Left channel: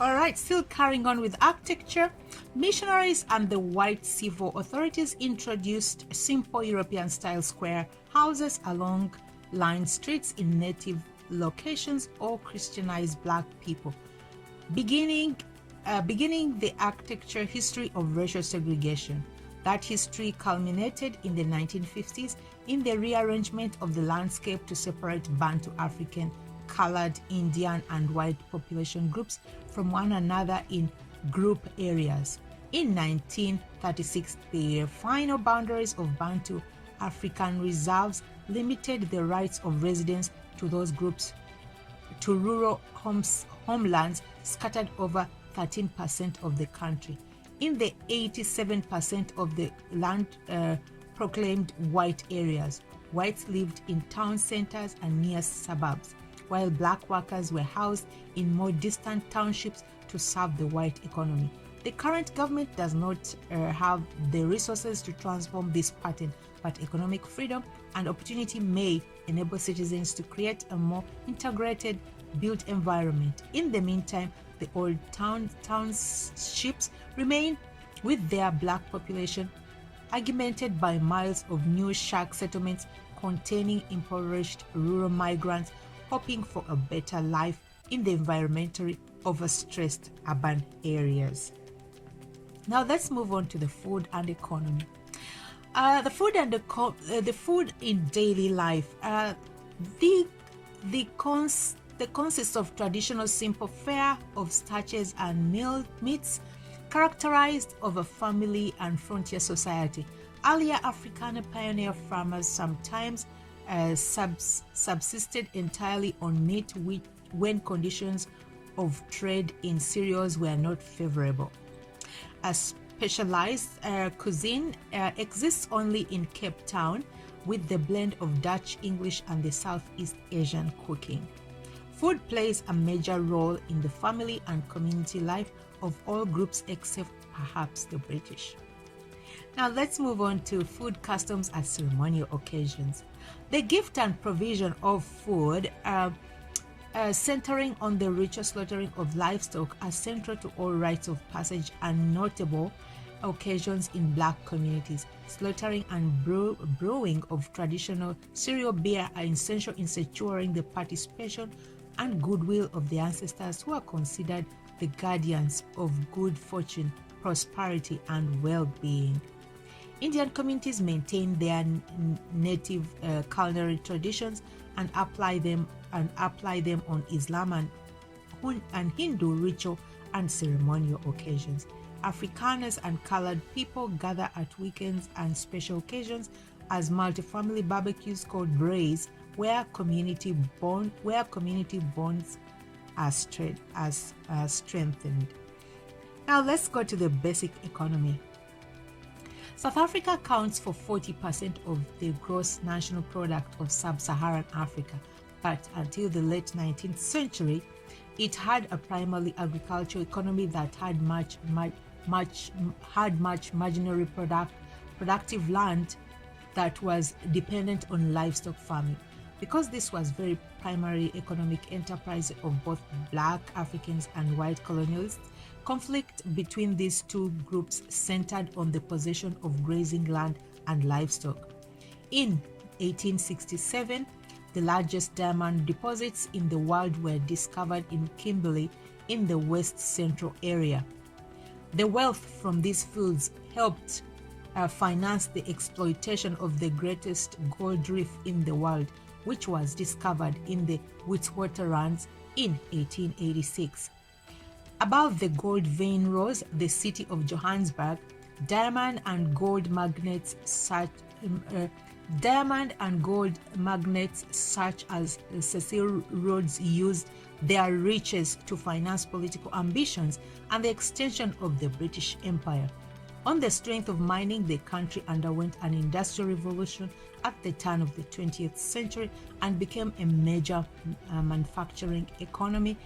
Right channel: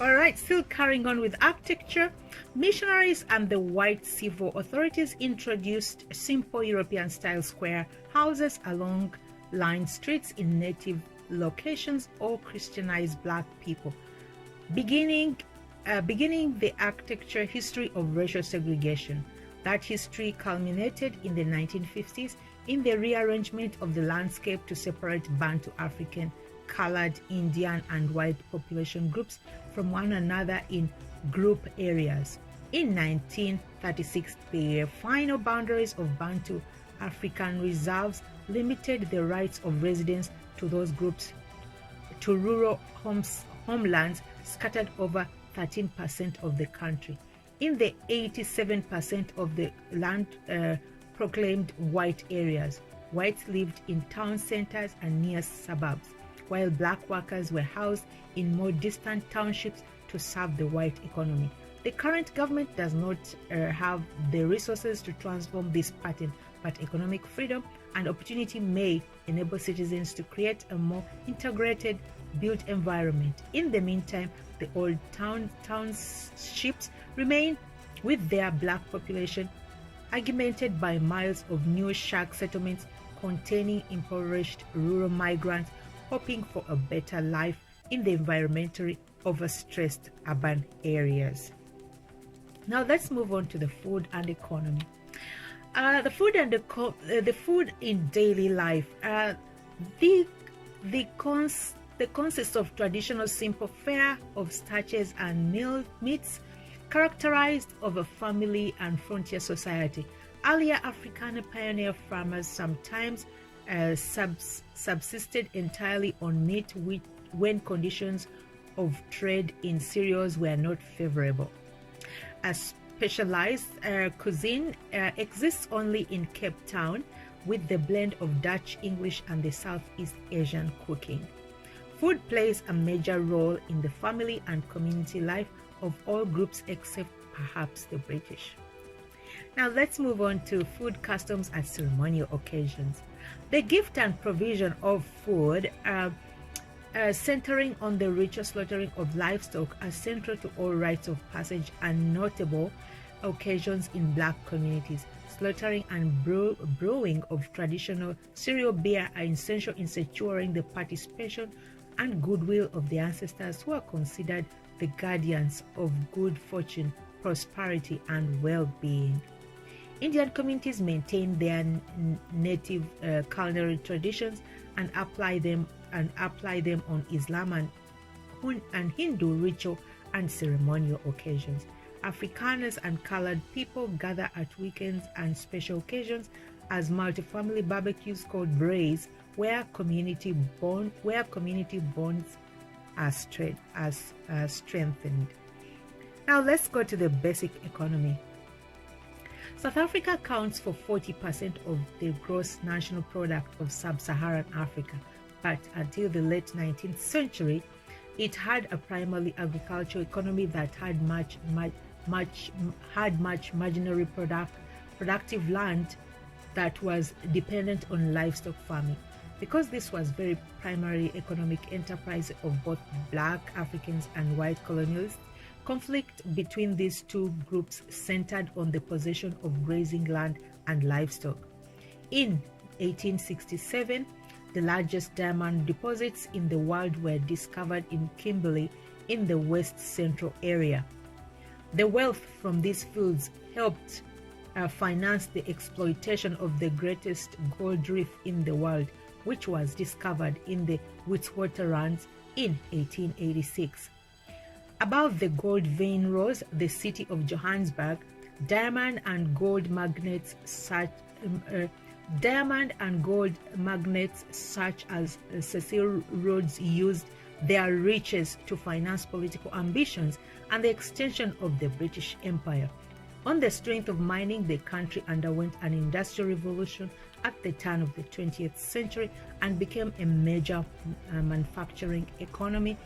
All right, still carrying on with architecture, missionaries and the white civil authorities introduced simple European-style square houses along lined streets in native locations or Christianized black people, beginning the architecture history of racial segregation. That history culminated in the 1950s in the rearrangement of the landscape to separate Bantu, African, colored, Indian, and white population groups from one another in group areas. In 1936, the final boundaries of Bantu African reserves limited the rights of residents to those groups to rural homelands scattered over 13% of the country. In the 87% of the land proclaimed white areas, whites lived in town centers and near suburbs, while black workers were housed in more distant townships to serve the white economy. The current government does not have the resources to transform this pattern, but economic freedom and opportunity may enable citizens to create a more integrated built environment. In the meantime, the old townships remain with their black population, augmented by miles of new shack settlements containing impoverished rural migrants hoping for a better life in the environmentally overstressed urban areas. Now let's move on to the food and economy. The food in daily life. The consists of traditional simple fare of starches and meats, characterized of a family and frontier society. Earlier African pioneer farmers sometimes subsisted entirely on meat when conditions of trade in cereals were not favorable. A specialized cuisine exists only in Cape Town, with the blend of Dutch, English, and the Southeast Asian cooking. Food plays a major role in the family and community life of all groups except perhaps the British. Now let's move on to food customs at ceremonial occasions. The gift and provision of food, centering on the ritual slaughtering of livestock, are central to all rites of passage and notable occasions in black communities. Slaughtering and brewing of traditional cereal beer are essential in securing the participation and goodwill of the ancestors, who are considered the guardians of good fortune, prosperity, and well-being. Indian communities maintain their native culinary traditions and apply them on Islam and Hindu ritual and ceremonial occasions. Afrikaners and colored people gather at weekends and special occasions as multi-family barbecues called braais, where community bonds are strengthened. Now let's go to the basic economy. South Africa accounts for 40% of the gross national product of sub-Saharan Africa, but until the late 19th century, it had a primarily agricultural economy that had much marginally productive land that was dependent on livestock farming. Because this was very primary economic enterprise of both black Africans and white colonialists, conflict between these two groups centered on the possession of grazing land and livestock. In 1867, the largest diamond deposits in the world were discovered in Kimberley in the west central area. The wealth from these fields helped finance the exploitation of the greatest gold reef in the world, which was discovered in the Witwatersrand in 1886. Above the gold vein rose the city of Johannesburg. Diamond and gold magnates such as Cecil Rhodes used their riches to finance political ambitions and the extension of the British Empire. On the strength of mining, the country underwent an industrial revolution at the turn of the 20th century and became a major manufacturing economy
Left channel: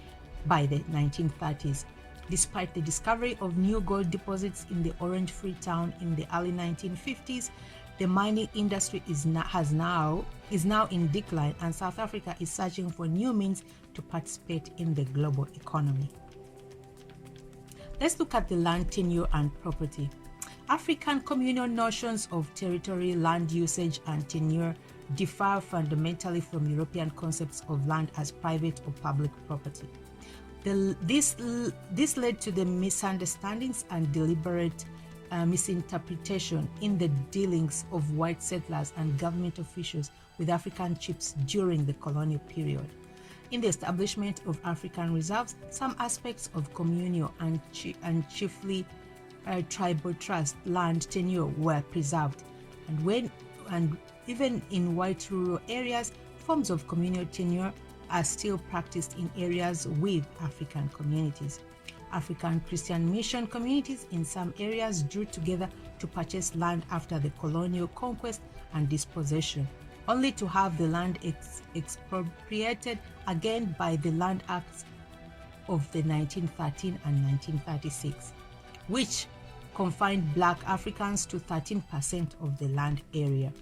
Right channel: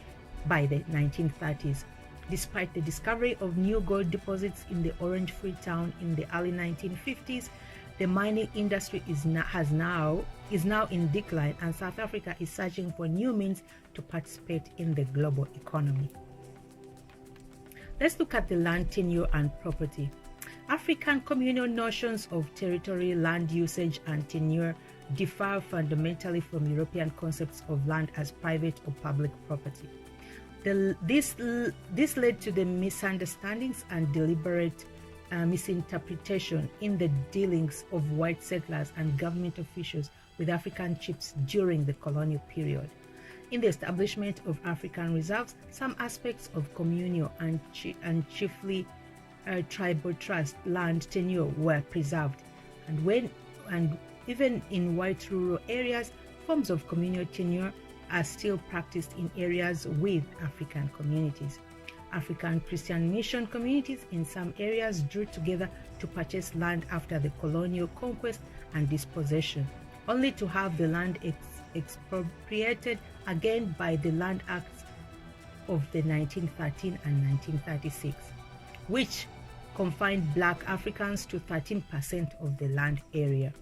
by the 1930s. Despite the discovery of new gold deposits in the Orange Free Town in the early 1950s, the mining industry is now in decline, and South Africa is searching for new means to participate in the global economy. Let's look at the land tenure and property. African communal notions of territory, land usage, and tenure differ fundamentally from European concepts of land as private or public property. This led to the misunderstandings and deliberate misinterpretation in the dealings of white settlers and government officials with African chiefs during the colonial period. In the establishment of African reserves, some aspects of communal and chiefly tribal trust land tenure were preserved, and even in white rural areas, forms of communal tenure are still practiced in areas with African communities. African Christian mission communities in some areas drew together to purchase land after the colonial conquest and dispossession, only to have the land expropriated again by the Land Acts of the 1913 and 1936, which confined Black Africans to 13% of the land area.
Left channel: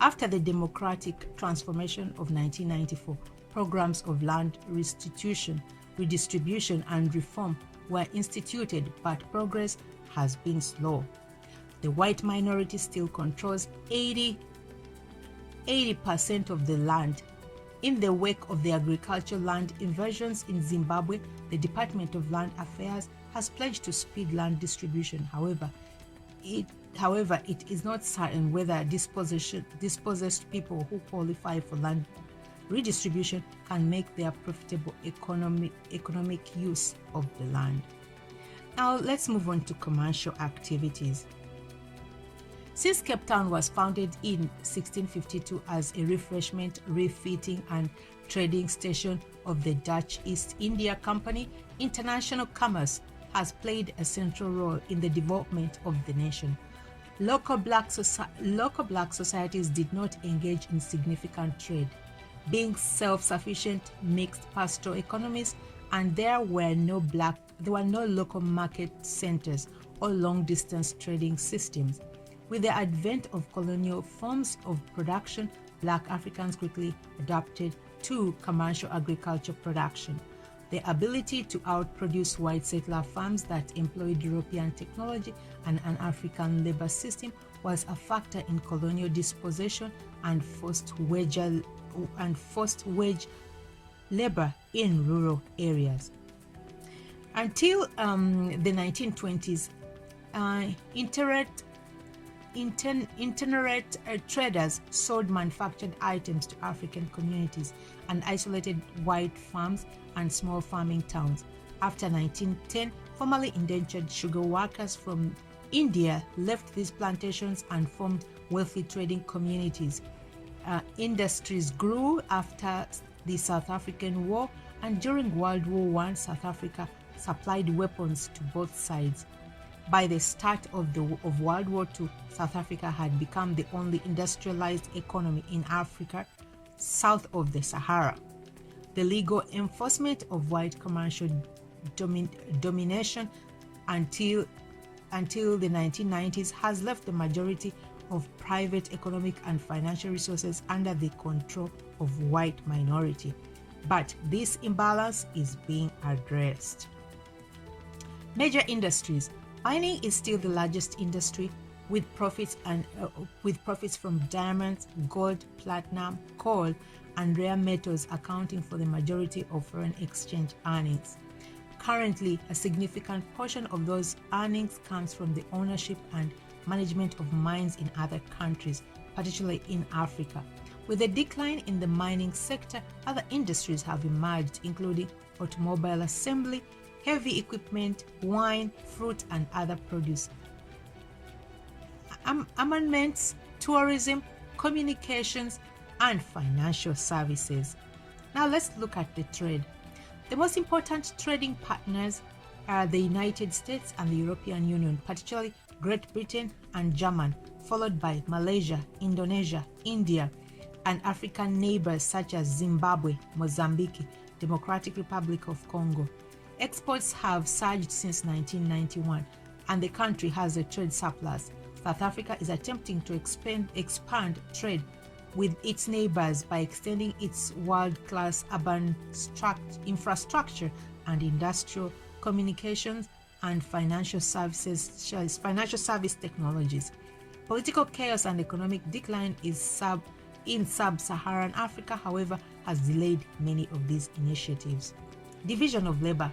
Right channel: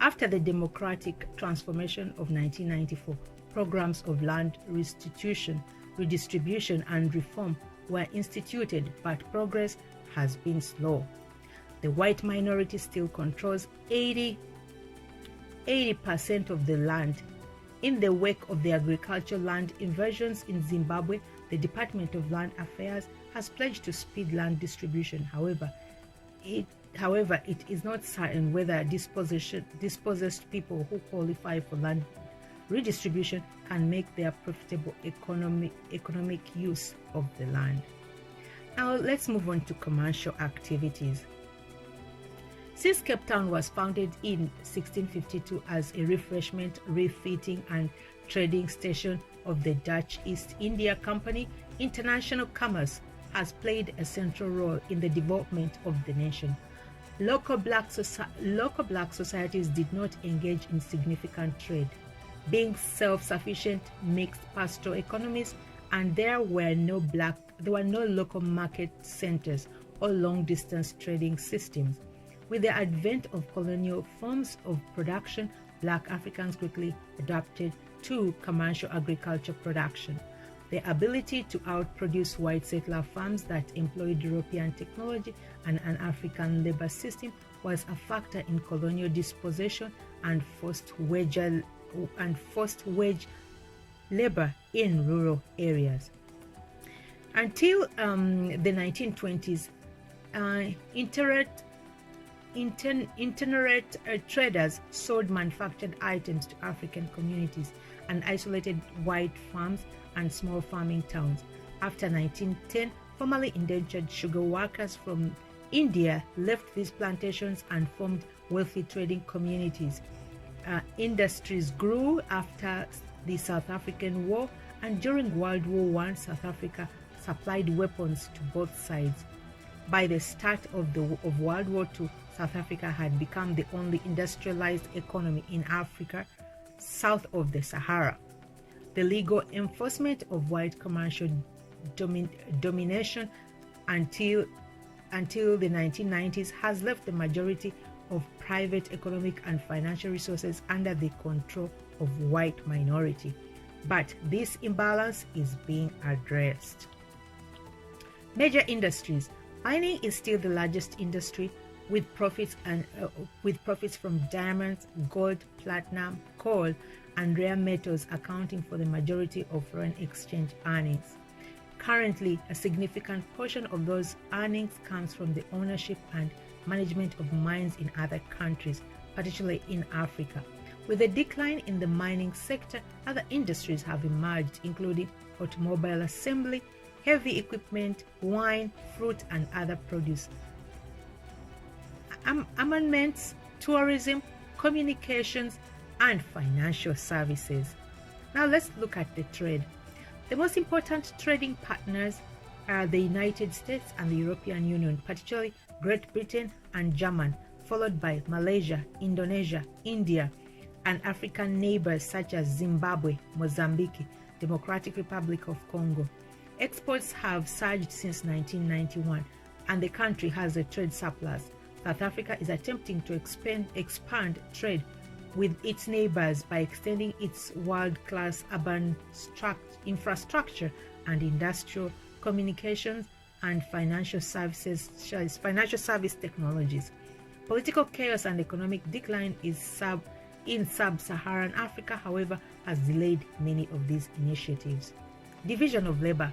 After the democratic transformation of 1994, programs of land restitution, redistribution, and reform were instituted, but progress has been slow. The white minority still controls 80% of the land. In the wake of the agricultural land invasions in Zimbabwe, the Department of Land Affairs has pledged to speed land distribution. However, it is not certain whether dispossessed people who qualify for land redistribution can make their profitable economic use of the land. Now let's move on to commercial activities. Since Cape Town was founded in 1652 as a refreshment, refitting, and trading station of the Dutch East India Company, international commerce has played a central role in the development of the nation. Local black societies did not engage in significant trade, being self-sufficient mixed pastoral economies, and there were no local market centers or long-distance trading systems. With the advent of colonial forms of production, Black Africans quickly adapted to commercial agriculture production. The ability to outproduce white settler farms that employed European technology and an African labor system was a factor in colonial dispossession and forced wage labor in rural areas. Until the 1920s, itinerant traders sold manufactured items to African communities and isolated white farms and small farming towns. After 1910, formerly indentured sugar workers from India left these plantations and formed wealthy trading communities. Industries grew after the South African War, and during World War I, South Africa supplied weapons to both sides. By the start of World War II, South Africa had become the only industrialized economy in Africa south of the Sahara. The legal enforcement of white commercial domination until the 1990s has left the majority of private economic and financial resources under the control of white minority. But this imbalance is being addressed. Major industries. Mining is still the largest industry, with profits from diamonds, gold, platinum, coal, and rare metals accounting for the majority of foreign exchange earnings. Currently, a significant portion of those earnings comes from the ownership and management of mines in other countries, particularly in Africa. With the decline in the mining sector, other industries have emerged, including automobile assembly, heavy equipment, wine, fruit, and other produce, armaments, tourism, communications, and financial services. Now let's look at the trade. The most important trading partners are the United States and the European Union, particularly Great Britain and Germany, followed by Malaysia, Indonesia, India, and African neighbors such as Zimbabwe, Mozambique, Democratic Republic of Congo. Exports have surged since 1991, and the country has a trade surplus. South Africa is attempting to expand trade with its neighbors by extending its world-class urban infrastructure and industrial communications and financial service technologies. Political chaos and economic decline in sub-Saharan Africa, however, has delayed many of these initiatives. Division of labor.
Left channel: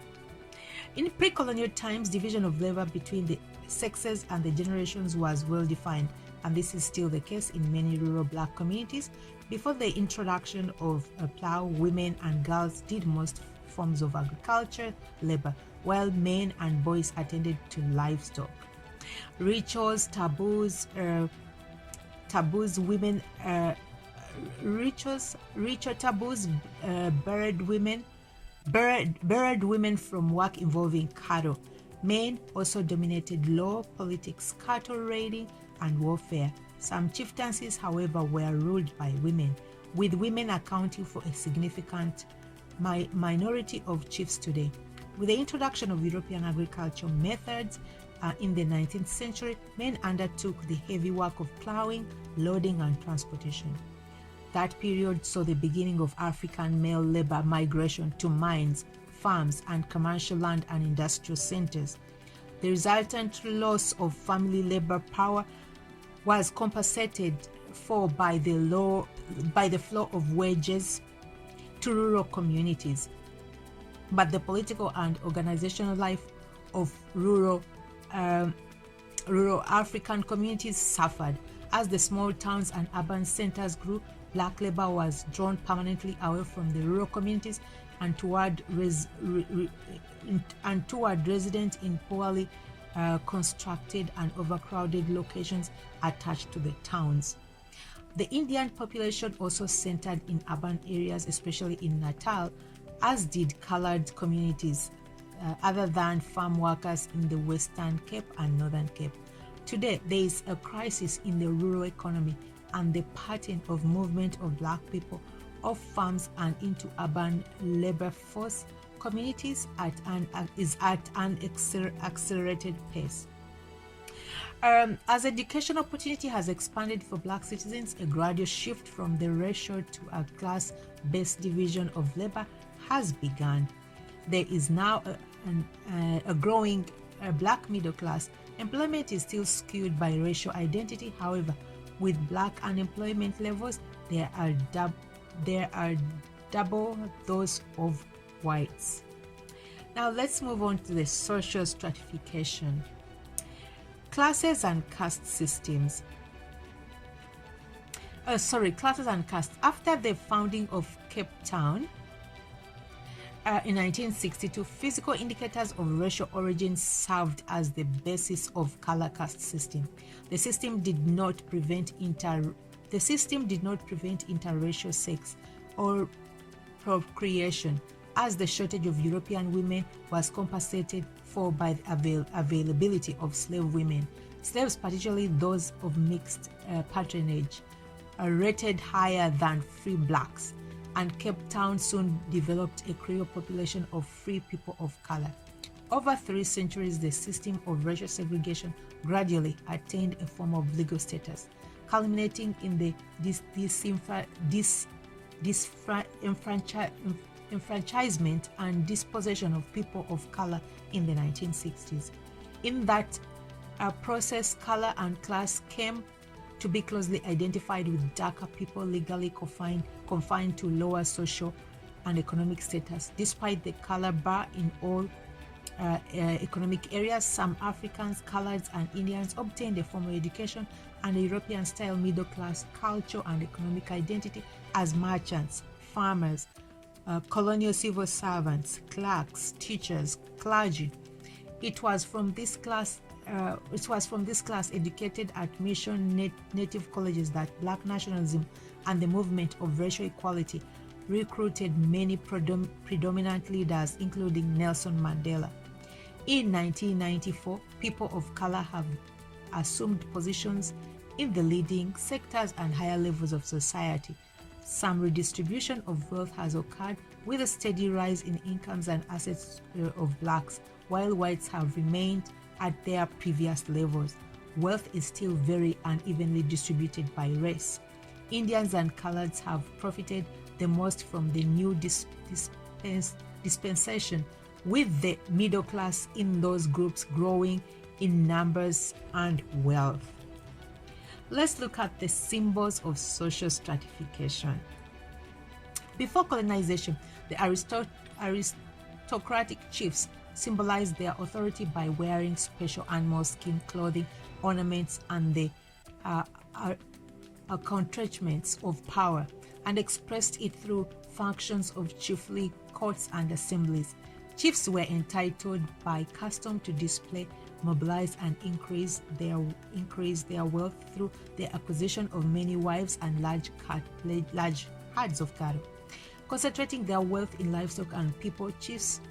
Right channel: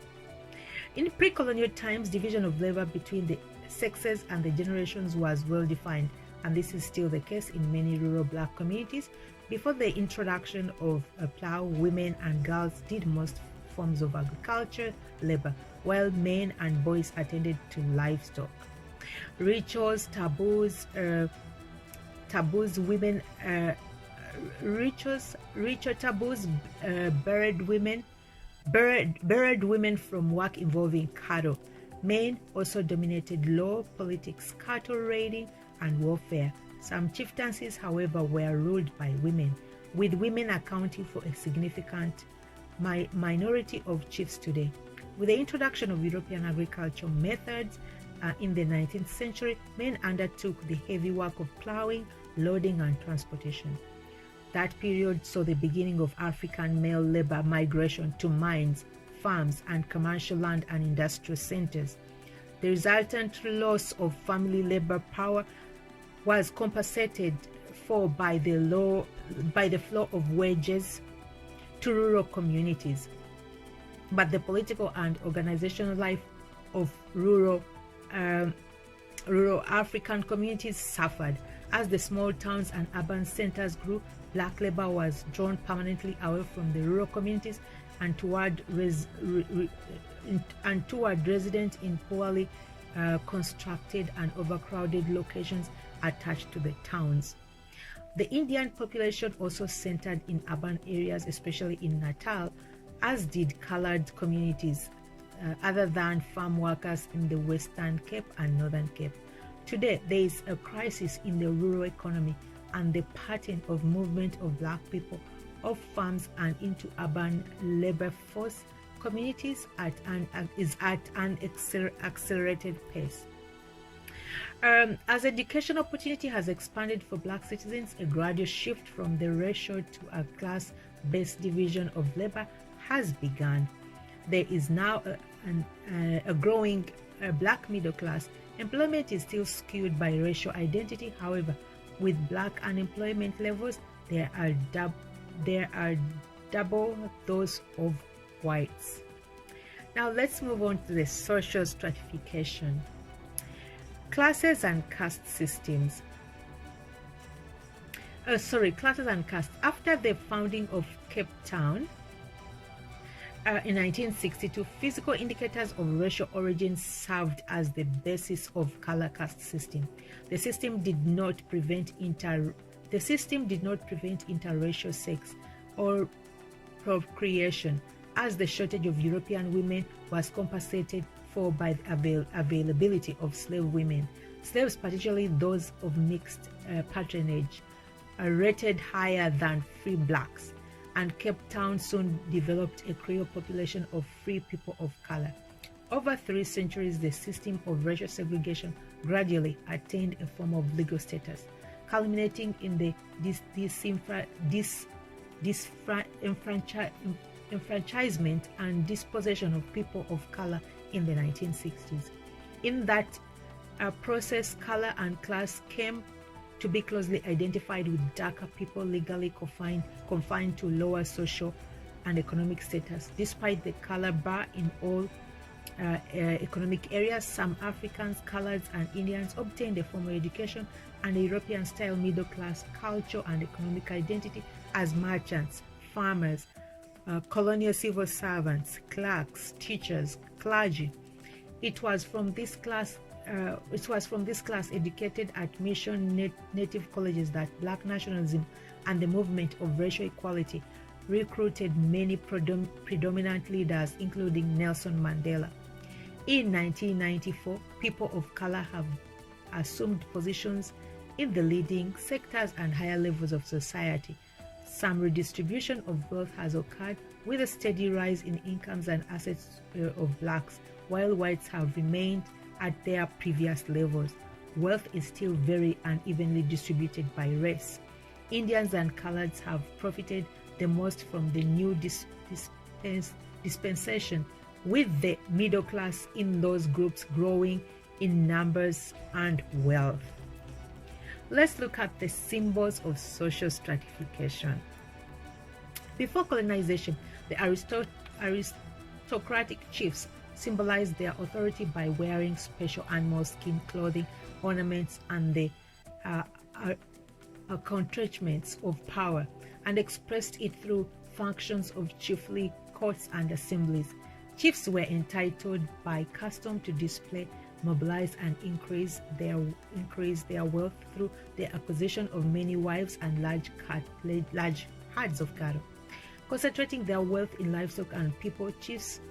In pre-colonial times, division of labor between the sexes and the generations was well defined, and this is still the case in many rural black communities. Before the introduction of a plow, women and girls did most forms of agriculture labor, while men and boys attended to livestock. Rituals, taboos, women, ritual taboos buried women from work involving cattle. Men also dominated law, politics, cattle raiding, and warfare. Some chieftaincies, however, were ruled by women, with women accounting for a significant minority of chiefs today. With the introduction of European agricultural methods in the 19th century, men undertook the heavy work of plowing, loading, and transportation. That period saw the beginning of African male labor migration to mines, farms, and commercial land and industrial centers. The resultant loss of family labor power was compensated for by the flow of wages to rural communities. But the political and organizational life of rural African communities suffered. As the small towns and urban centers grew, black labor was drawn permanently away from the rural communities and toward residents in poorly constructed and overcrowded locations attached to the towns. The Indian population also centered in urban areas, especially in Natal, as did colored communities other than farm workers in the Western Cape and Northern Cape. Today, there is a crisis in the rural economy, and the pattern of movement of black people off farms and into urban labor force communities is at an accelerated pace. As education opportunity has expanded for black citizens, a gradual shift from the racial to a class-based division of labor has begun. There is now a growing black middle class. Employment is still skewed by racial identity. However, with black unemployment levels, there are double those of whites. Now let's move on to the social stratification. Classes and caste systems. Classes and castes. After the founding of Cape Town in 1962, physical indicators of racial origin served as the basis of color caste system. The system did not prevent interracial sex or procreation, as the shortage of European women was compensated for by the availability of slave women. Slaves, particularly those of mixed patronage, are rated higher than free blacks, and Cape Town soon developed a Creole population of free people of color. Over 3 centuries, the system of racial segregation gradually attained a form of legal status, culminating in the disenfranchisement and dispossession of people of color in the 1960s. In that process, color and class came to be closely identified with darker people legally confined to lower social and economic status. Despite the color bar in all economic areas, some Africans, coloreds, and Indians obtained a formal education and a European-style middle-class culture and economic identity as merchants, farmers, colonial civil servants, clerks, teachers, clergy. It was from this class educated at mission native colleges that black nationalism and the movement of racial equality recruited many predominant leaders, including Nelson Mandela. In 1994, people of color have assumed positions in the leading sectors and higher levels of society. Some redistribution of wealth has occurred, with a steady rise in incomes and assets of blacks, while whites have remained at their previous levels. Wealth is still very unevenly distributed by race. Indians and coloreds have profited the most from the new dispensation, with the middle class in those groups growing in numbers and wealth. Let's look at the symbols of social stratification. Before colonization, the aristocratic chiefs symbolized their authority by wearing special animal skin clothing, ornaments, and the accoutrements of power, and expressed it through functions of chiefly courts and assemblies. Chiefs were entitled by custom to display, mobilize, and increase their wealth through the acquisition of many wives and large herds of cattle. Concentrating their wealth in livestock and people, chiefs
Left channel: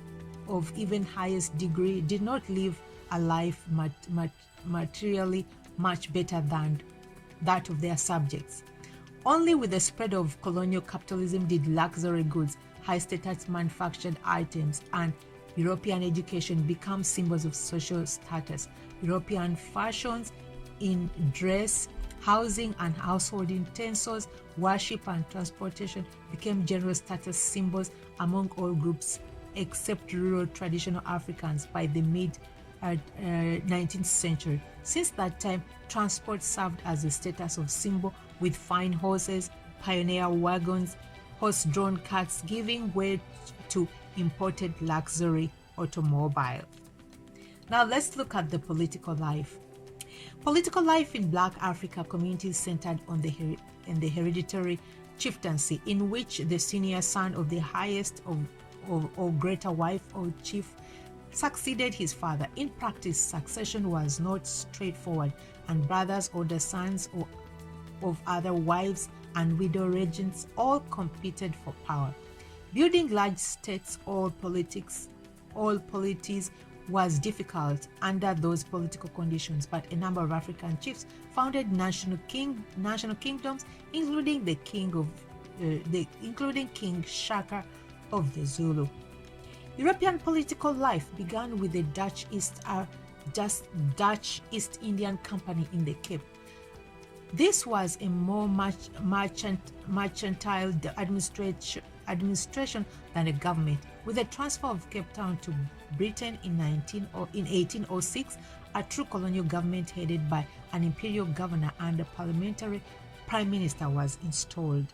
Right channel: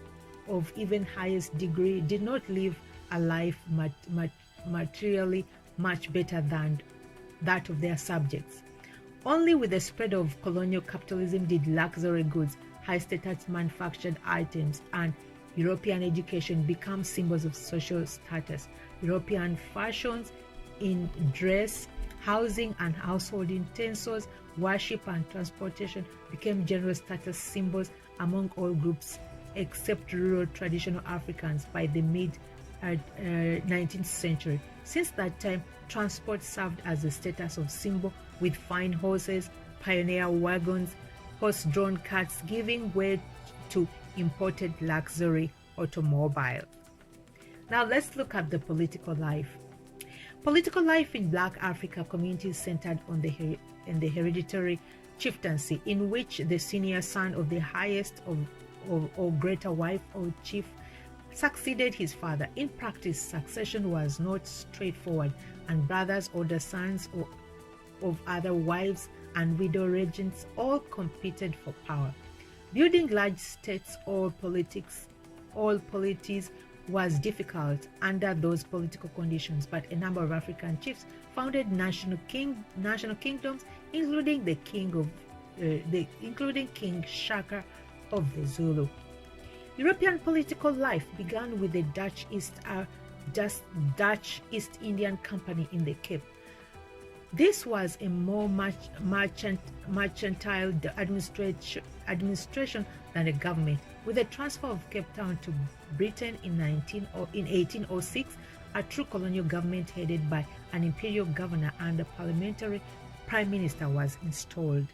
of even highest degree did not live a life materially much better than that of their subjects. Only with the spread of colonial capitalism did luxury goods, high-status manufactured items, and European education become symbols of social status. European fashions in dress, housing and household utensils, worship and transportation became general status symbols among all groups except rural traditional Africans by the mid-19th century. Since that time, transport served as a status of symbol, with fine horses, pioneer wagons, horse-drawn carts giving way to imported luxury automobile. Now let's look at the political life. Political life in Black Africa communities centered on the hereditary chieftaincy, in which the senior son of the highest or greater wife or chief succeeded his father. In practice, succession was not straightforward, and brothers, older sons of other wives, and widow regents all competed for power. Building large states, all polities was difficult under those political conditions, but a number of African chiefs founded national kingdoms, including King Shaka of the Zulu. European political life began with the Dutch East Indian Company in the Cape. This was a more mercantile administration than a government. With the transfer of Cape Town to Britain in 1806, a true colonial government headed by an imperial governor and a parliamentary prime minister was installed.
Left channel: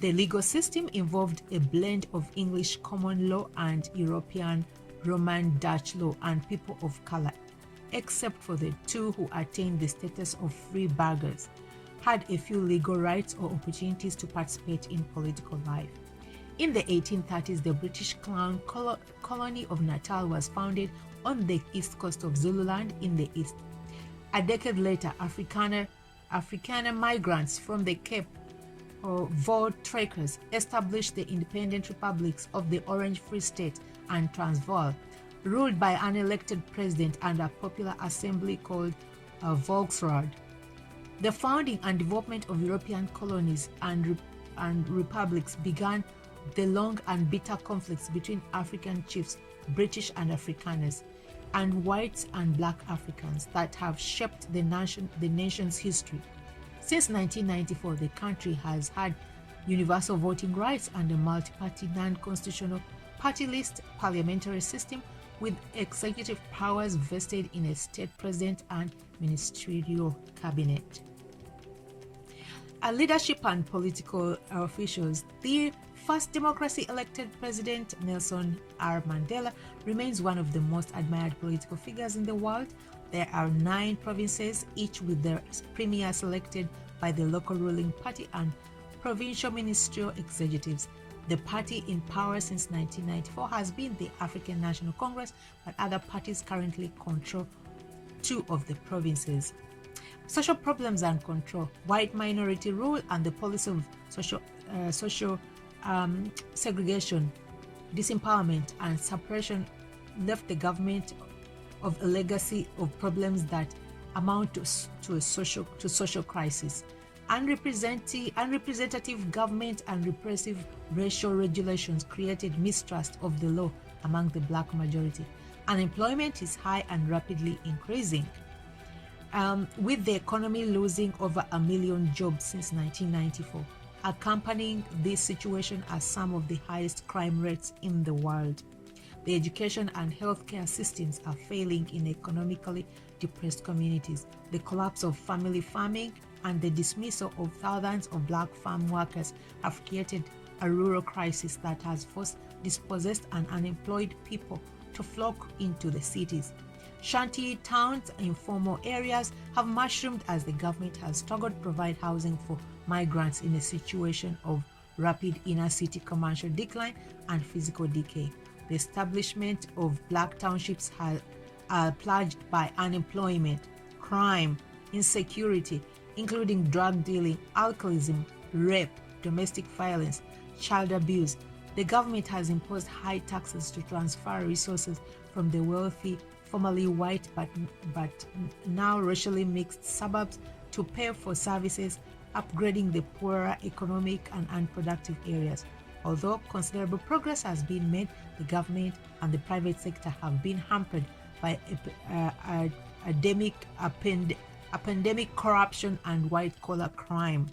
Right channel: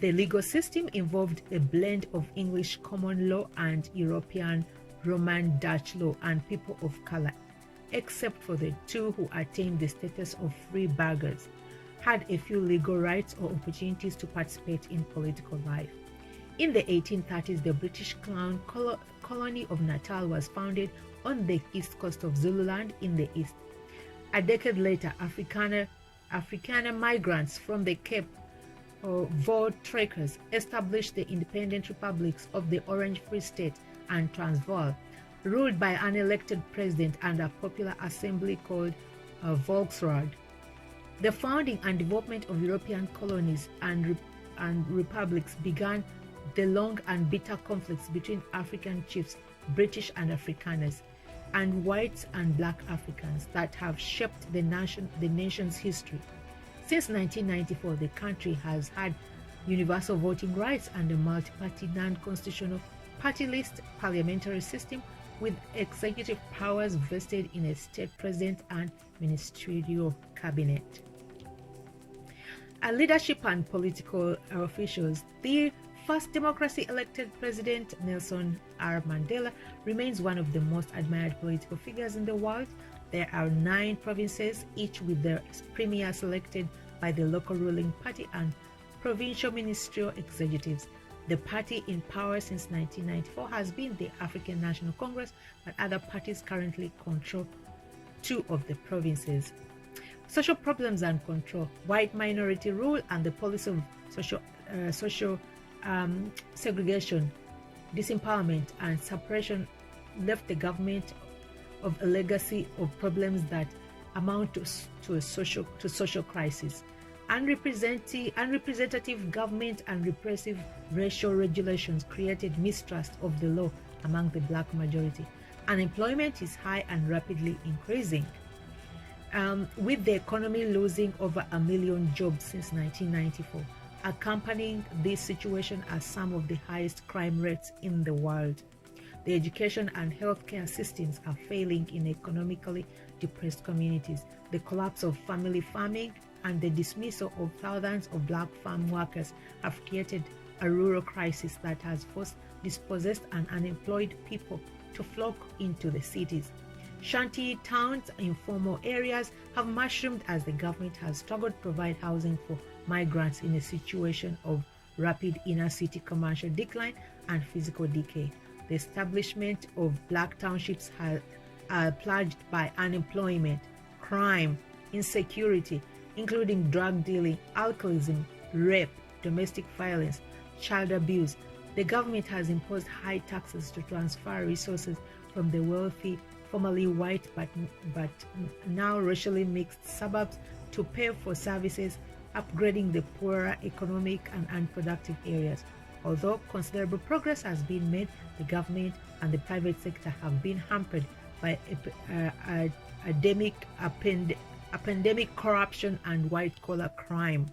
The legal system involved a blend of English common law and European Roman Dutch law, and people of color, except for the two who attained the status of free burghers, had a few legal rights or opportunities to participate in political life. In the 1830s, the British Crown colony of Natal was founded on the east coast of Zululand in the east. A decade later, Afrikaner migrants from the Cape Voortrekkers established the independent republics of the Orange Free State and Transvaal, ruled by an elected president and a popular assembly called Volksraad. The founding and development of European colonies and republics began the long and bitter conflicts between African chiefs, British and Afrikaners, and whites and black Africans that have shaped the nation's history. Since 1994, the country has had universal voting rights and a multi-party, non-constitutional, party-list parliamentary system with executive powers vested in a state president and ministerial cabinet. Leadership and political officials. The first democracy-elected president, Nelson R. Mandela, remains one of the most admired political figures in the world. There are 9 provinces, each with their premier selected by the local ruling party and provincial ministerial executives. The party in power since 1994 has been the African National Congress, but other parties currently control 2 of the provinces. Social problems and control. White minority rule and the policy of social segregation, disempowerment, and suppression left the government of a legacy of problems that amount to social crisis. Unrepresentative government and repressive racial regulations created mistrust of the law among the black majority. Unemployment is high and rapidly increasing, with the economy losing over 1 million jobs since 1994. Accompanying this situation are some of the highest crime rates in the world. The education and healthcare systems are failing in economically depressed communities. The collapse of family farming and the dismissal of thousands of black farm workers have created a rural crisis that has forced dispossessed and unemployed people to flock into the cities. Shanty towns and informal areas have mushroomed as the government has struggled to provide housing for migrants in a situation of rapid inner city commercial decline and physical decay. The establishment of black townships are plagued by unemployment, crime, insecurity, including drug dealing, alcoholism, rape, domestic violence, child abuse. The government has imposed high taxes to transfer resources from the wealthy, formerly white but now racially mixed suburbs to pay for services, upgrading the poorer economic and unproductive areas. Although considerable progress has been made, the government and the private sector have been hampered by pandemic corruption and white-collar crime.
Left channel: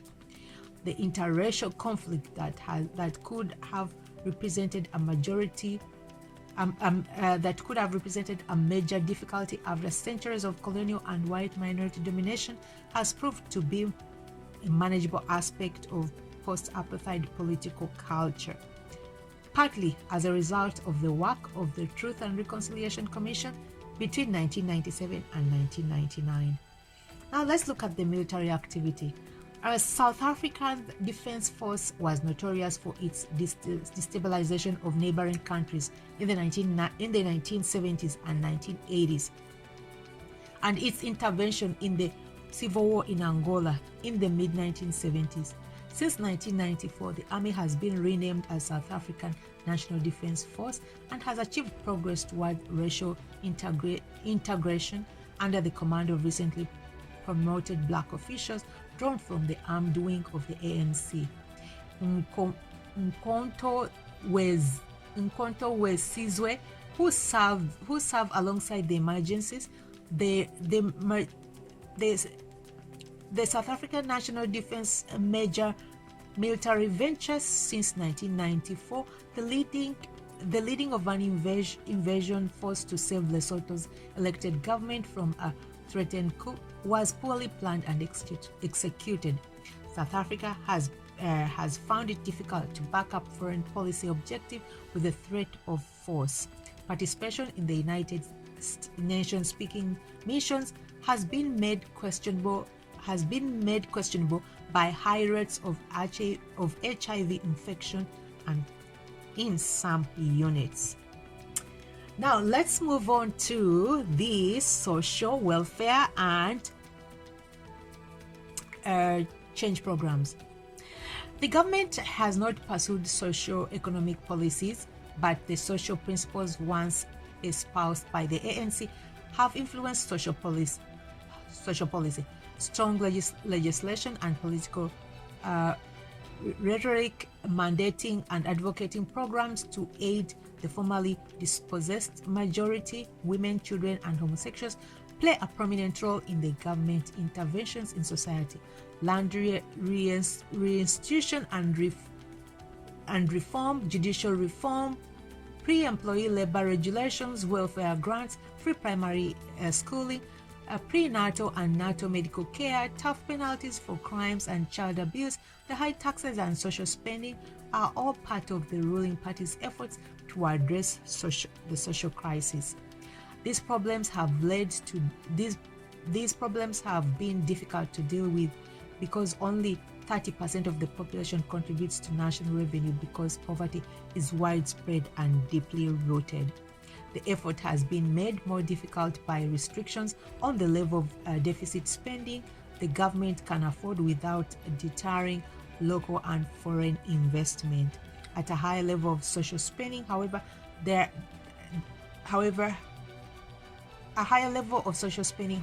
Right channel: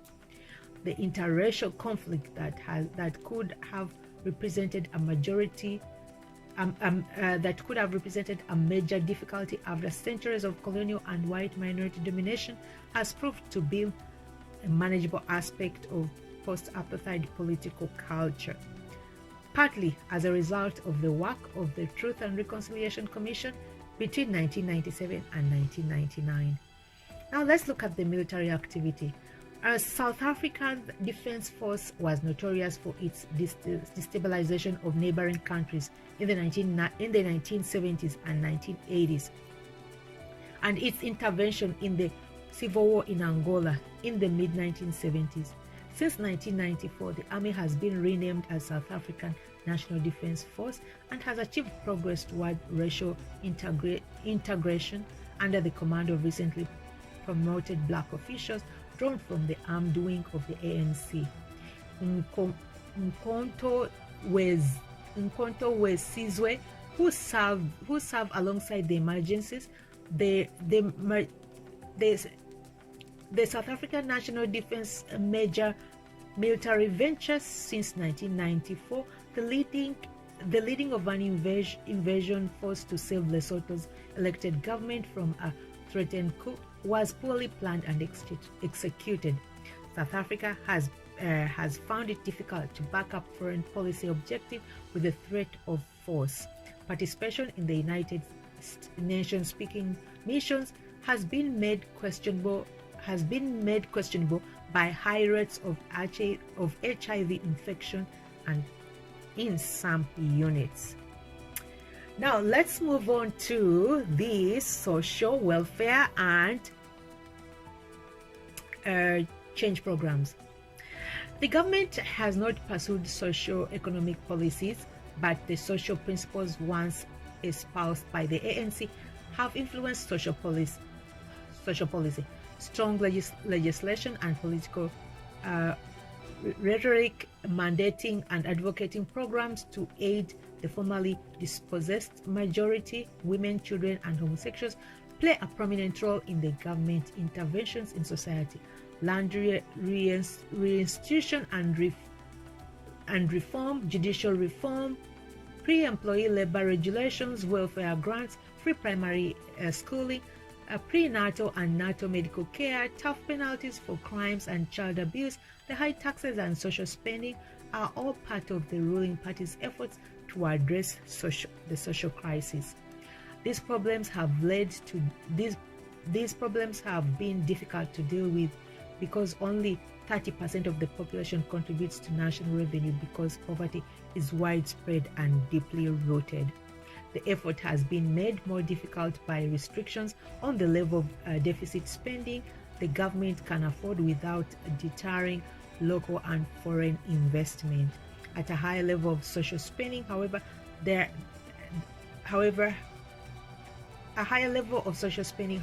The interracial conflict that could have represented a major difficulty after centuries of colonial and white minority domination has proved to be a manageable aspect of post-apartheid political culture, partly as a result of the work of the Truth and Reconciliation Commission between 1997 and 1999. Now let's look at the military activity. South Africa's defense force was notorious for its destabilization of neighboring countries in the 1970s and 1980s, and its intervention in the civil war in Angola in the mid-1970s. Since 1994, the army has been renamed as South African National Defense Force and has achieved progress toward racial integration under the command of recently promoted black officials drawn from the armed wing of the ANC. Nkonto Sizwe, who served alongside the emergencies, the South African National Defense major military ventures since 1994, the leading of an invasion force to save Lesotho's elected government from a threatened coup was poorly planned and executed. South Africa has found it difficult to back up foreign policy objective with the threat of force. Participation in the United Nations speaking missions has been made questionable by high rates of HIV infection and in some units. Now let's move on to the social welfare and change programs. The government has not pursued socio-economic policies, but the social principles once espoused by the ANC have influenced social policy. Strong legislation and political rhetoric mandating and advocating programs to aid the formerly dispossessed majority, women, children, and homosexuals play a prominent role in the government interventions in society. Land reinstitution and reform, judicial reform, pre-employee labor regulations, welfare grants, free primary schooling, prenatal and natal medical care, tough penalties for crimes and child abuse, the high taxes and social spending are all part of the ruling party's efforts to address the social crisis. These problems have been difficult to deal with because only 30% of the population contributes to national revenue because poverty is widespread and deeply rooted. The effort has been made more difficult by restrictions on the level of deficit spending the government can afford without deterring local and foreign investment. At a high level of social spending, however, a higher level of social spending,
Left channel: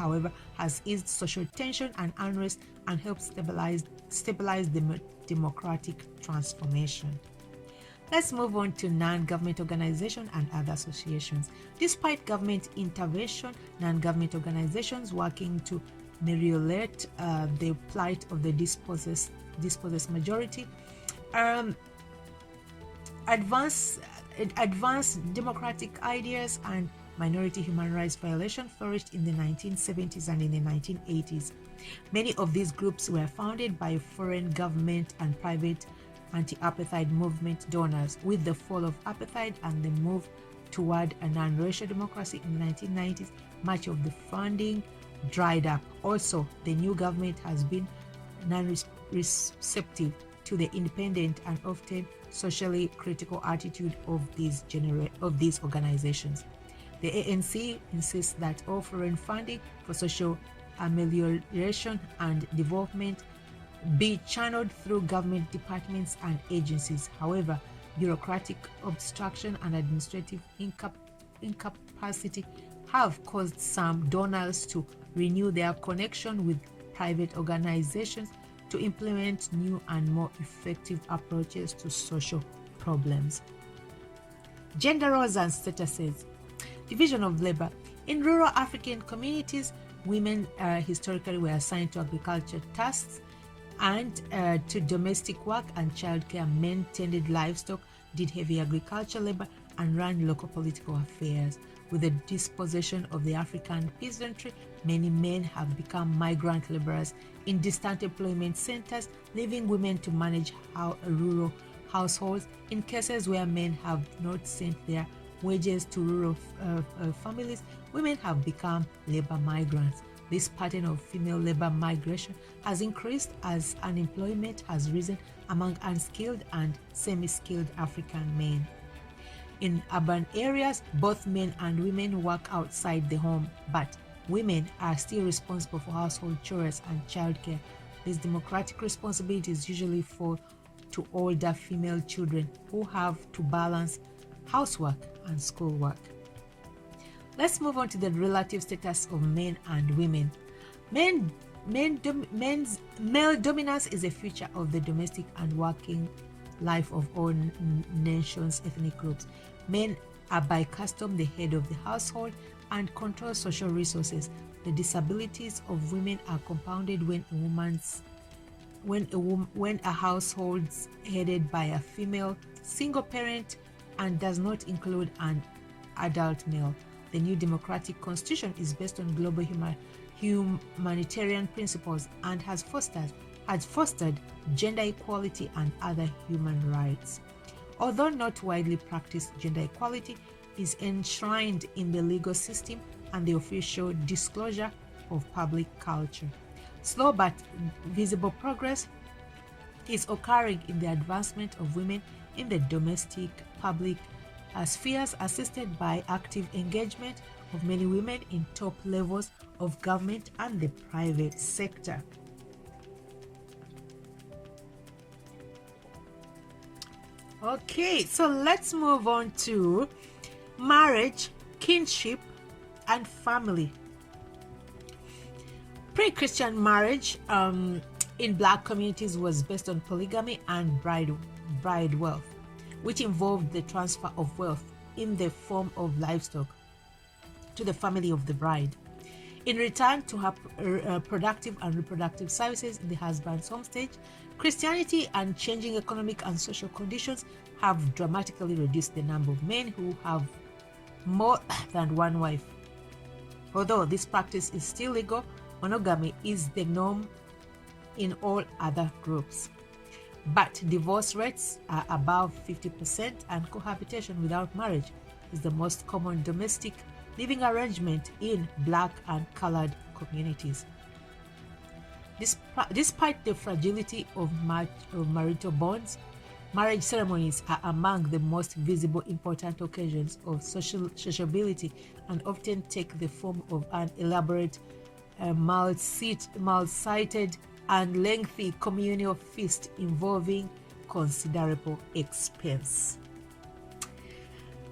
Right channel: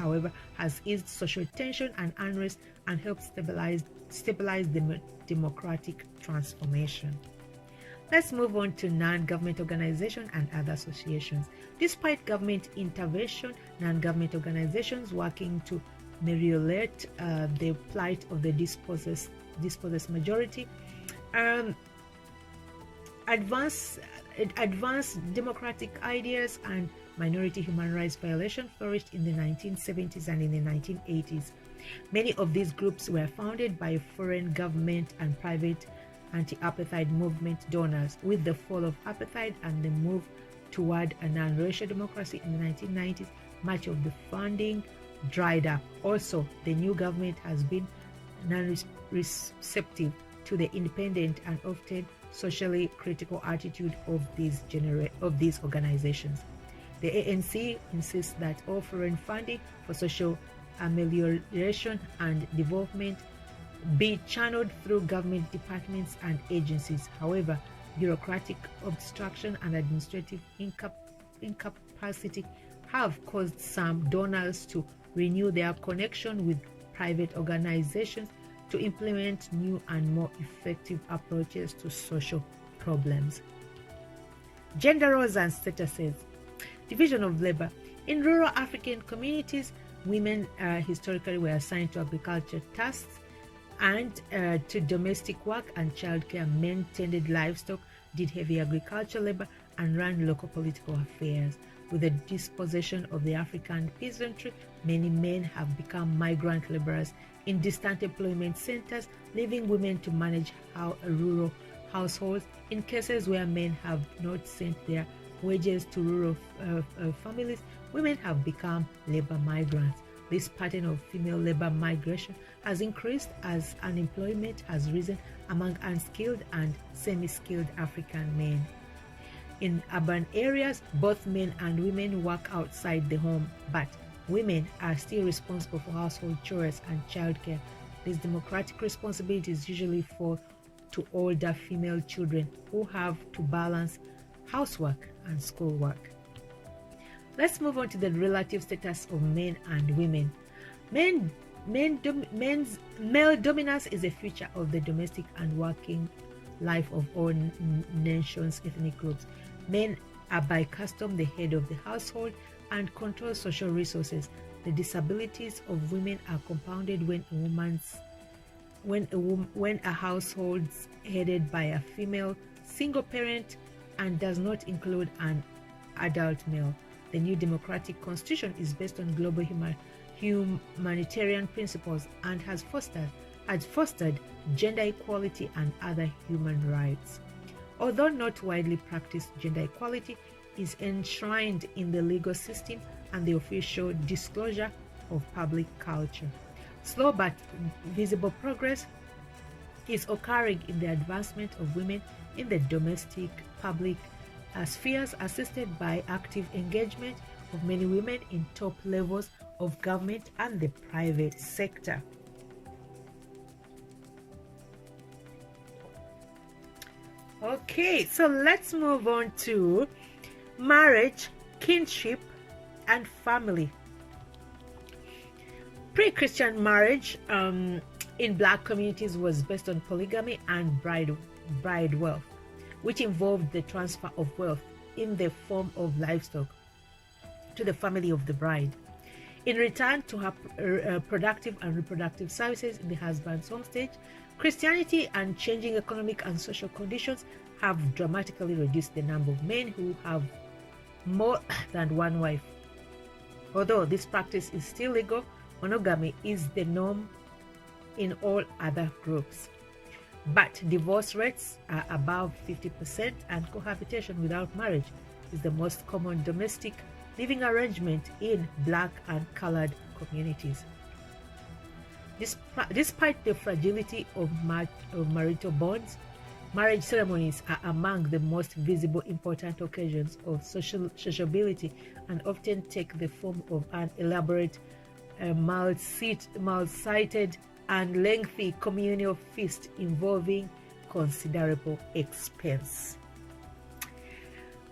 has eased social tension and unrest and helped stabilize the democratic transformation. Let's move on to non-government organizations and other associations. Despite government intervention, non-government organizations working to ameliorate the plight of the dispossessed majority advance Advanced democratic ideas and minority human rights violations flourished in the 1970s and in the 1980s. Many of these groups were founded by foreign government and private anti-apartheid movement donors. With the fall of apartheid and the move toward a non-racial democracy in the 1990s, much of the funding dried up. Also, the new government has been non-receptive to the independent and often socially critical attitude of these organizations. The ANC insists that all foreign funding for social amelioration and development be channeled through government departments and agencies. However, bureaucratic obstruction and administrative incapacity have caused some donors to renew their connection with private organizations to implement new and more effective approaches to social problems. Gender roles and statuses. Division of labor. In rural African communities, women historically were assigned to agriculture tasks and to domestic work and childcare. Men tended livestock, did heavy agricultural labor, and ran local political affairs. With the dispossession of the African peasantry, many men have become migrant laborers in distant employment centers, leaving women to manage rural households. In cases where men have not sent their wages to rural families, women have become labor migrants. This pattern of female labor migration has increased as unemployment has risen among unskilled and semi-skilled African men. In urban areas, both men and women work outside the home, but women are still responsible for household chores and childcare. These democratic responsibilities usually fall to older female children who have to balance housework and schoolwork. Let's move on to the relative status of men and women. Male dominance is a feature of the domestic and working life of all nations' ethnic groups. Men are by custom the head of the household and control social resources. The disabilities of women are compounded when a household's headed by a female single parent and does not include an adult male. The new democratic constitution is based on global humanitarian principles and has fostered gender equality and other human rights. Although not widely practiced, gender equality is enshrined in the legal system and the official disclosure of public culture. Slow but visible progress is occurring in the advancement of women in the domestic public spheres, assisted by active engagement of many women in top levels of government and the private sector. Okay, so let's move on to marriage, kinship, and family. Pre-Christian marriage in Black communities was based on polygamy and bride wealth, which involved the transfer of wealth in the form of livestock to the family of the bride in return to her productive and reproductive services in the husband's homestead. Christianity and changing economic and social conditions have dramatically reduced the number of men who have more than one wife. Although this practice is still legal, monogamy is the norm in all other groups. But divorce rates are above 50%, and cohabitation without marriage is the most common domestic living arrangement in Black and colored communities. Despite the fragility of marital bonds, marriage ceremonies are among the most visible important occasions of sociability and often take the form of an elaborate, multi-sited and lengthy communal feast involving considerable expense.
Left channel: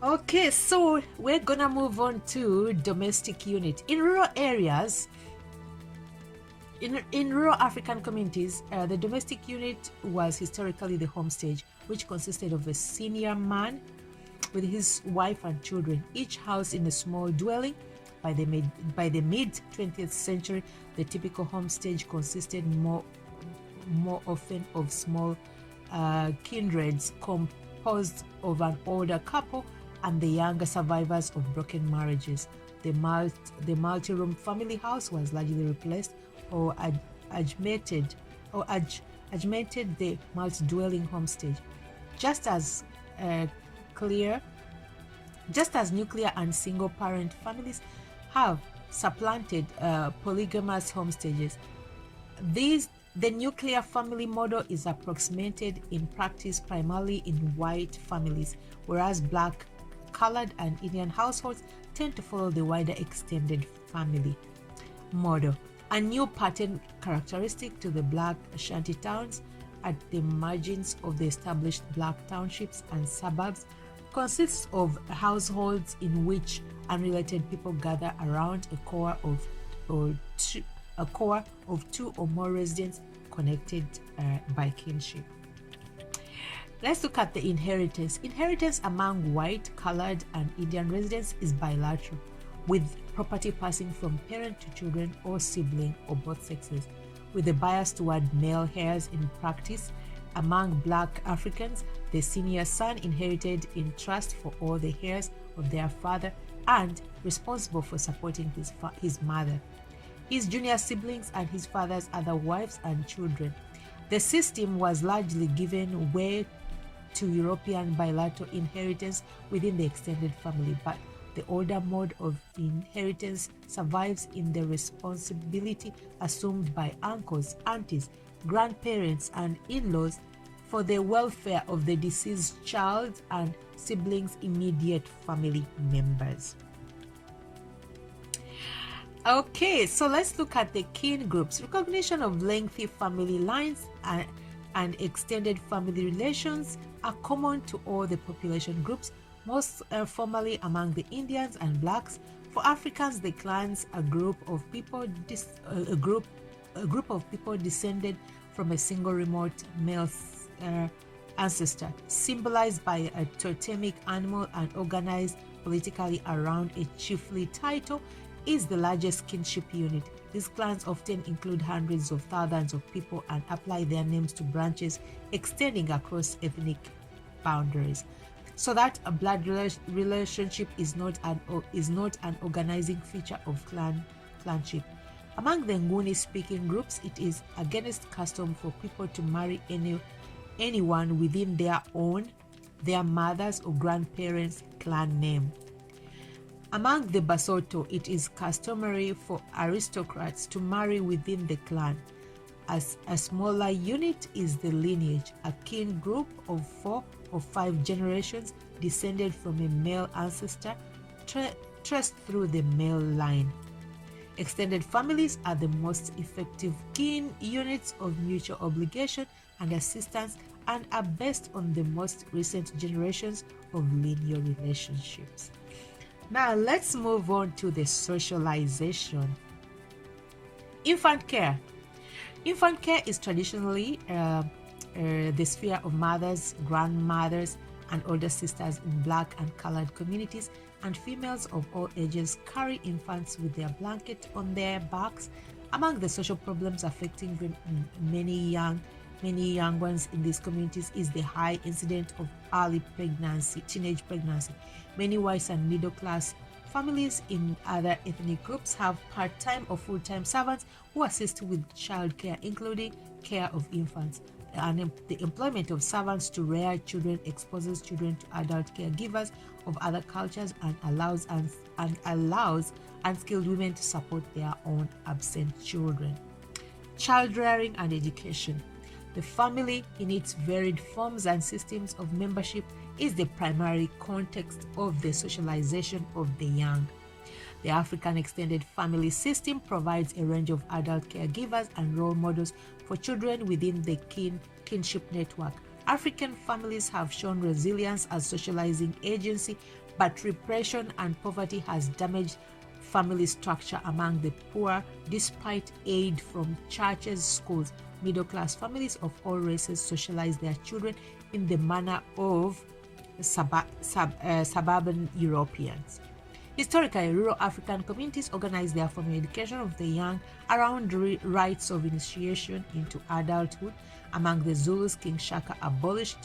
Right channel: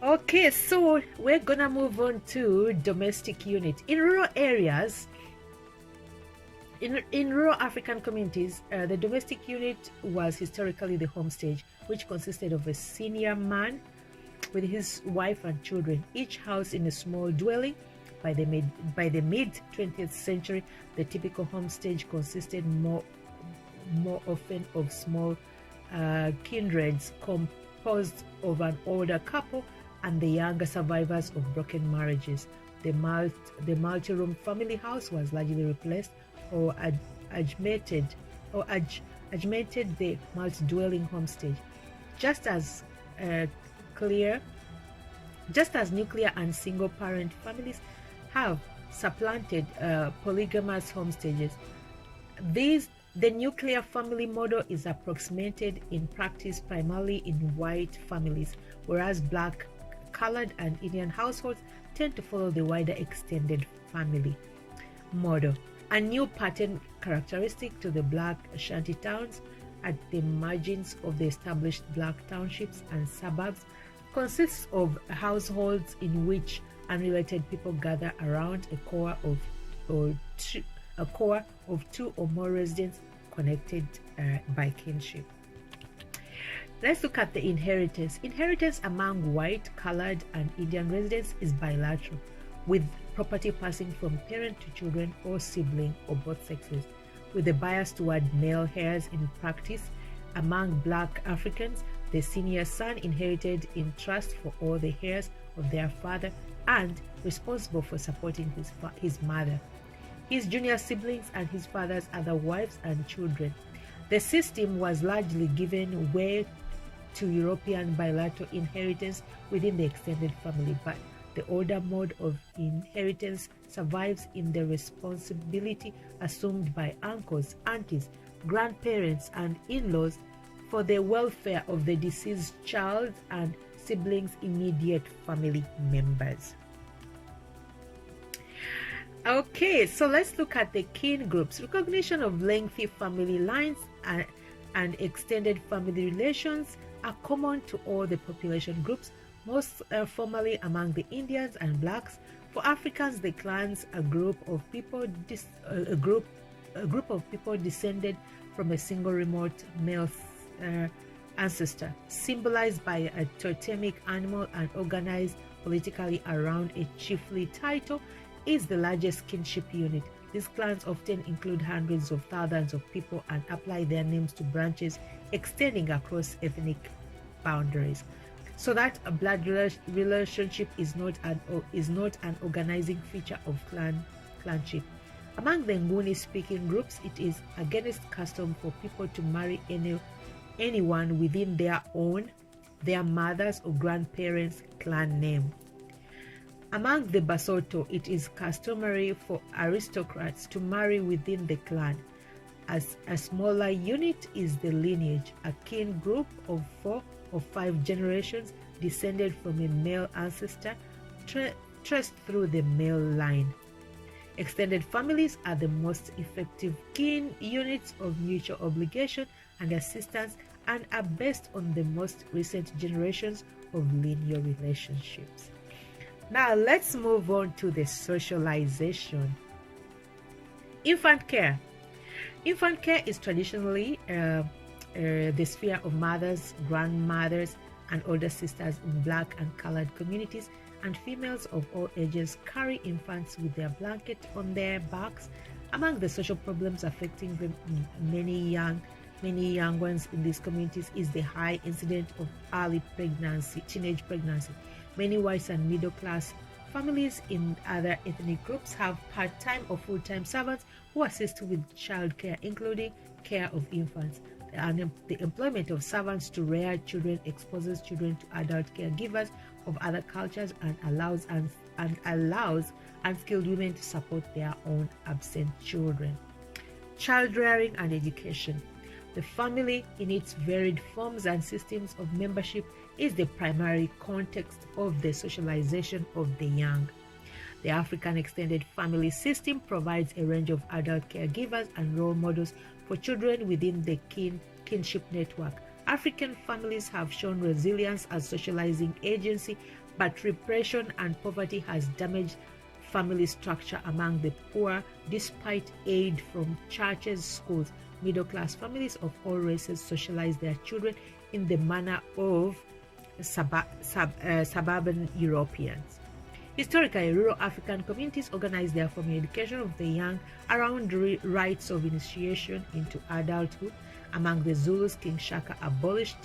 Okay, so we're gonna move on to domestic unit. In rural areas, in rural African communities, the domestic unit was historically the home stage, which consisted of a senior man with his wife and children, each housed in a small dwelling. By the mid 20th century, the typical home stage consisted more often of small kindreds composed of an older couple and the younger survivors of broken marriages. The multi-room family house was largely replaced or augmented the multi-dwelling homestead. Just as nuclear and single-parent families have supplanted polygamous homesteads, the nuclear family model is approximated in practice primarily in white families, whereas Black, colored, and Indian households tend to follow the wider extended family model. A new pattern characteristic to the Black shanty towns at the margins of the established Black townships and suburbs consists of households in which unrelated people gather around a core of two or more residents connected by kinship. Let's look at the inheritance. Inheritance among white, colored, and Indian residents is bilateral, with property passing from parent to children or sibling or both sexes, with a bias toward male heirs in practice. Among Black Africans, the senior son inherited in trust for all the heirs of their father and responsible for supporting his mother, his junior siblings, and his father's other wives and children. The system was largely given way to European bilateral inheritance within the extended family, but the older mode of inheritance survives in the responsibility assumed by uncles, aunties, grandparents, and in-laws for the welfare of the deceased child and siblings' immediate family members. Okay, so let's look at the kin groups. Recognition of lengthy family lines and extended family relations are common to all the population groups, most formally among the Indians and Blacks. For Africans, the clans, a group of people descended from a single remote male ancestor, symbolized by a totemic animal and organized politically around a chiefly title, is the largest kinship unit. These clans often include hundreds of thousands of people and apply their names to branches extending across ethnic boundaries, so that a blood relationship is not an organizing feature of clanship. Among the Nguni-speaking groups, it is against custom for people to marry anyone within their mother's or grandparents' clan name. Among the Basotho, it is customary for aristocrats to marry within the clan. As a smaller unit is the lineage, a kin group of 4 or 5 generations descended from a male ancestor traced through the male line. Extended families are the most effective kin units of mutual obligation and assistance and are based on the most recent generations of linear relationships. Now let's move on to the socialization. Infant care. Infant care is traditionally the sphere of mothers, grandmothers, and older sisters in Black and colored communities, and females of all ages carry infants with their blanket on their backs. Among the social problems affecting many young ones in these communities is the high incidence of early pregnancy, teenage pregnancy. Many white and middle-class families in other ethnic groups have part-time or full-time servants who assist with childcare, including care of infants. And the employment of servants to rear children exposes children to adult caregivers of other cultures and allows unskilled women to support their own absent children. Child rearing and education. The family, in its varied forms and systems of membership, is the primary context of the socialization of the young. The African extended family system provides a range of adult caregivers and role models for children within the kinship network. African families have shown resilience as socializing agency, but repression and poverty has damaged family structure among the poor despite aid from churches, schools. Middle-class families of all races socialize their children in the manner of suburban Europeans. Historically, rural African communities organized their family education of the young around rites of initiation into adulthood. Among the Zulus, King Shaka abolished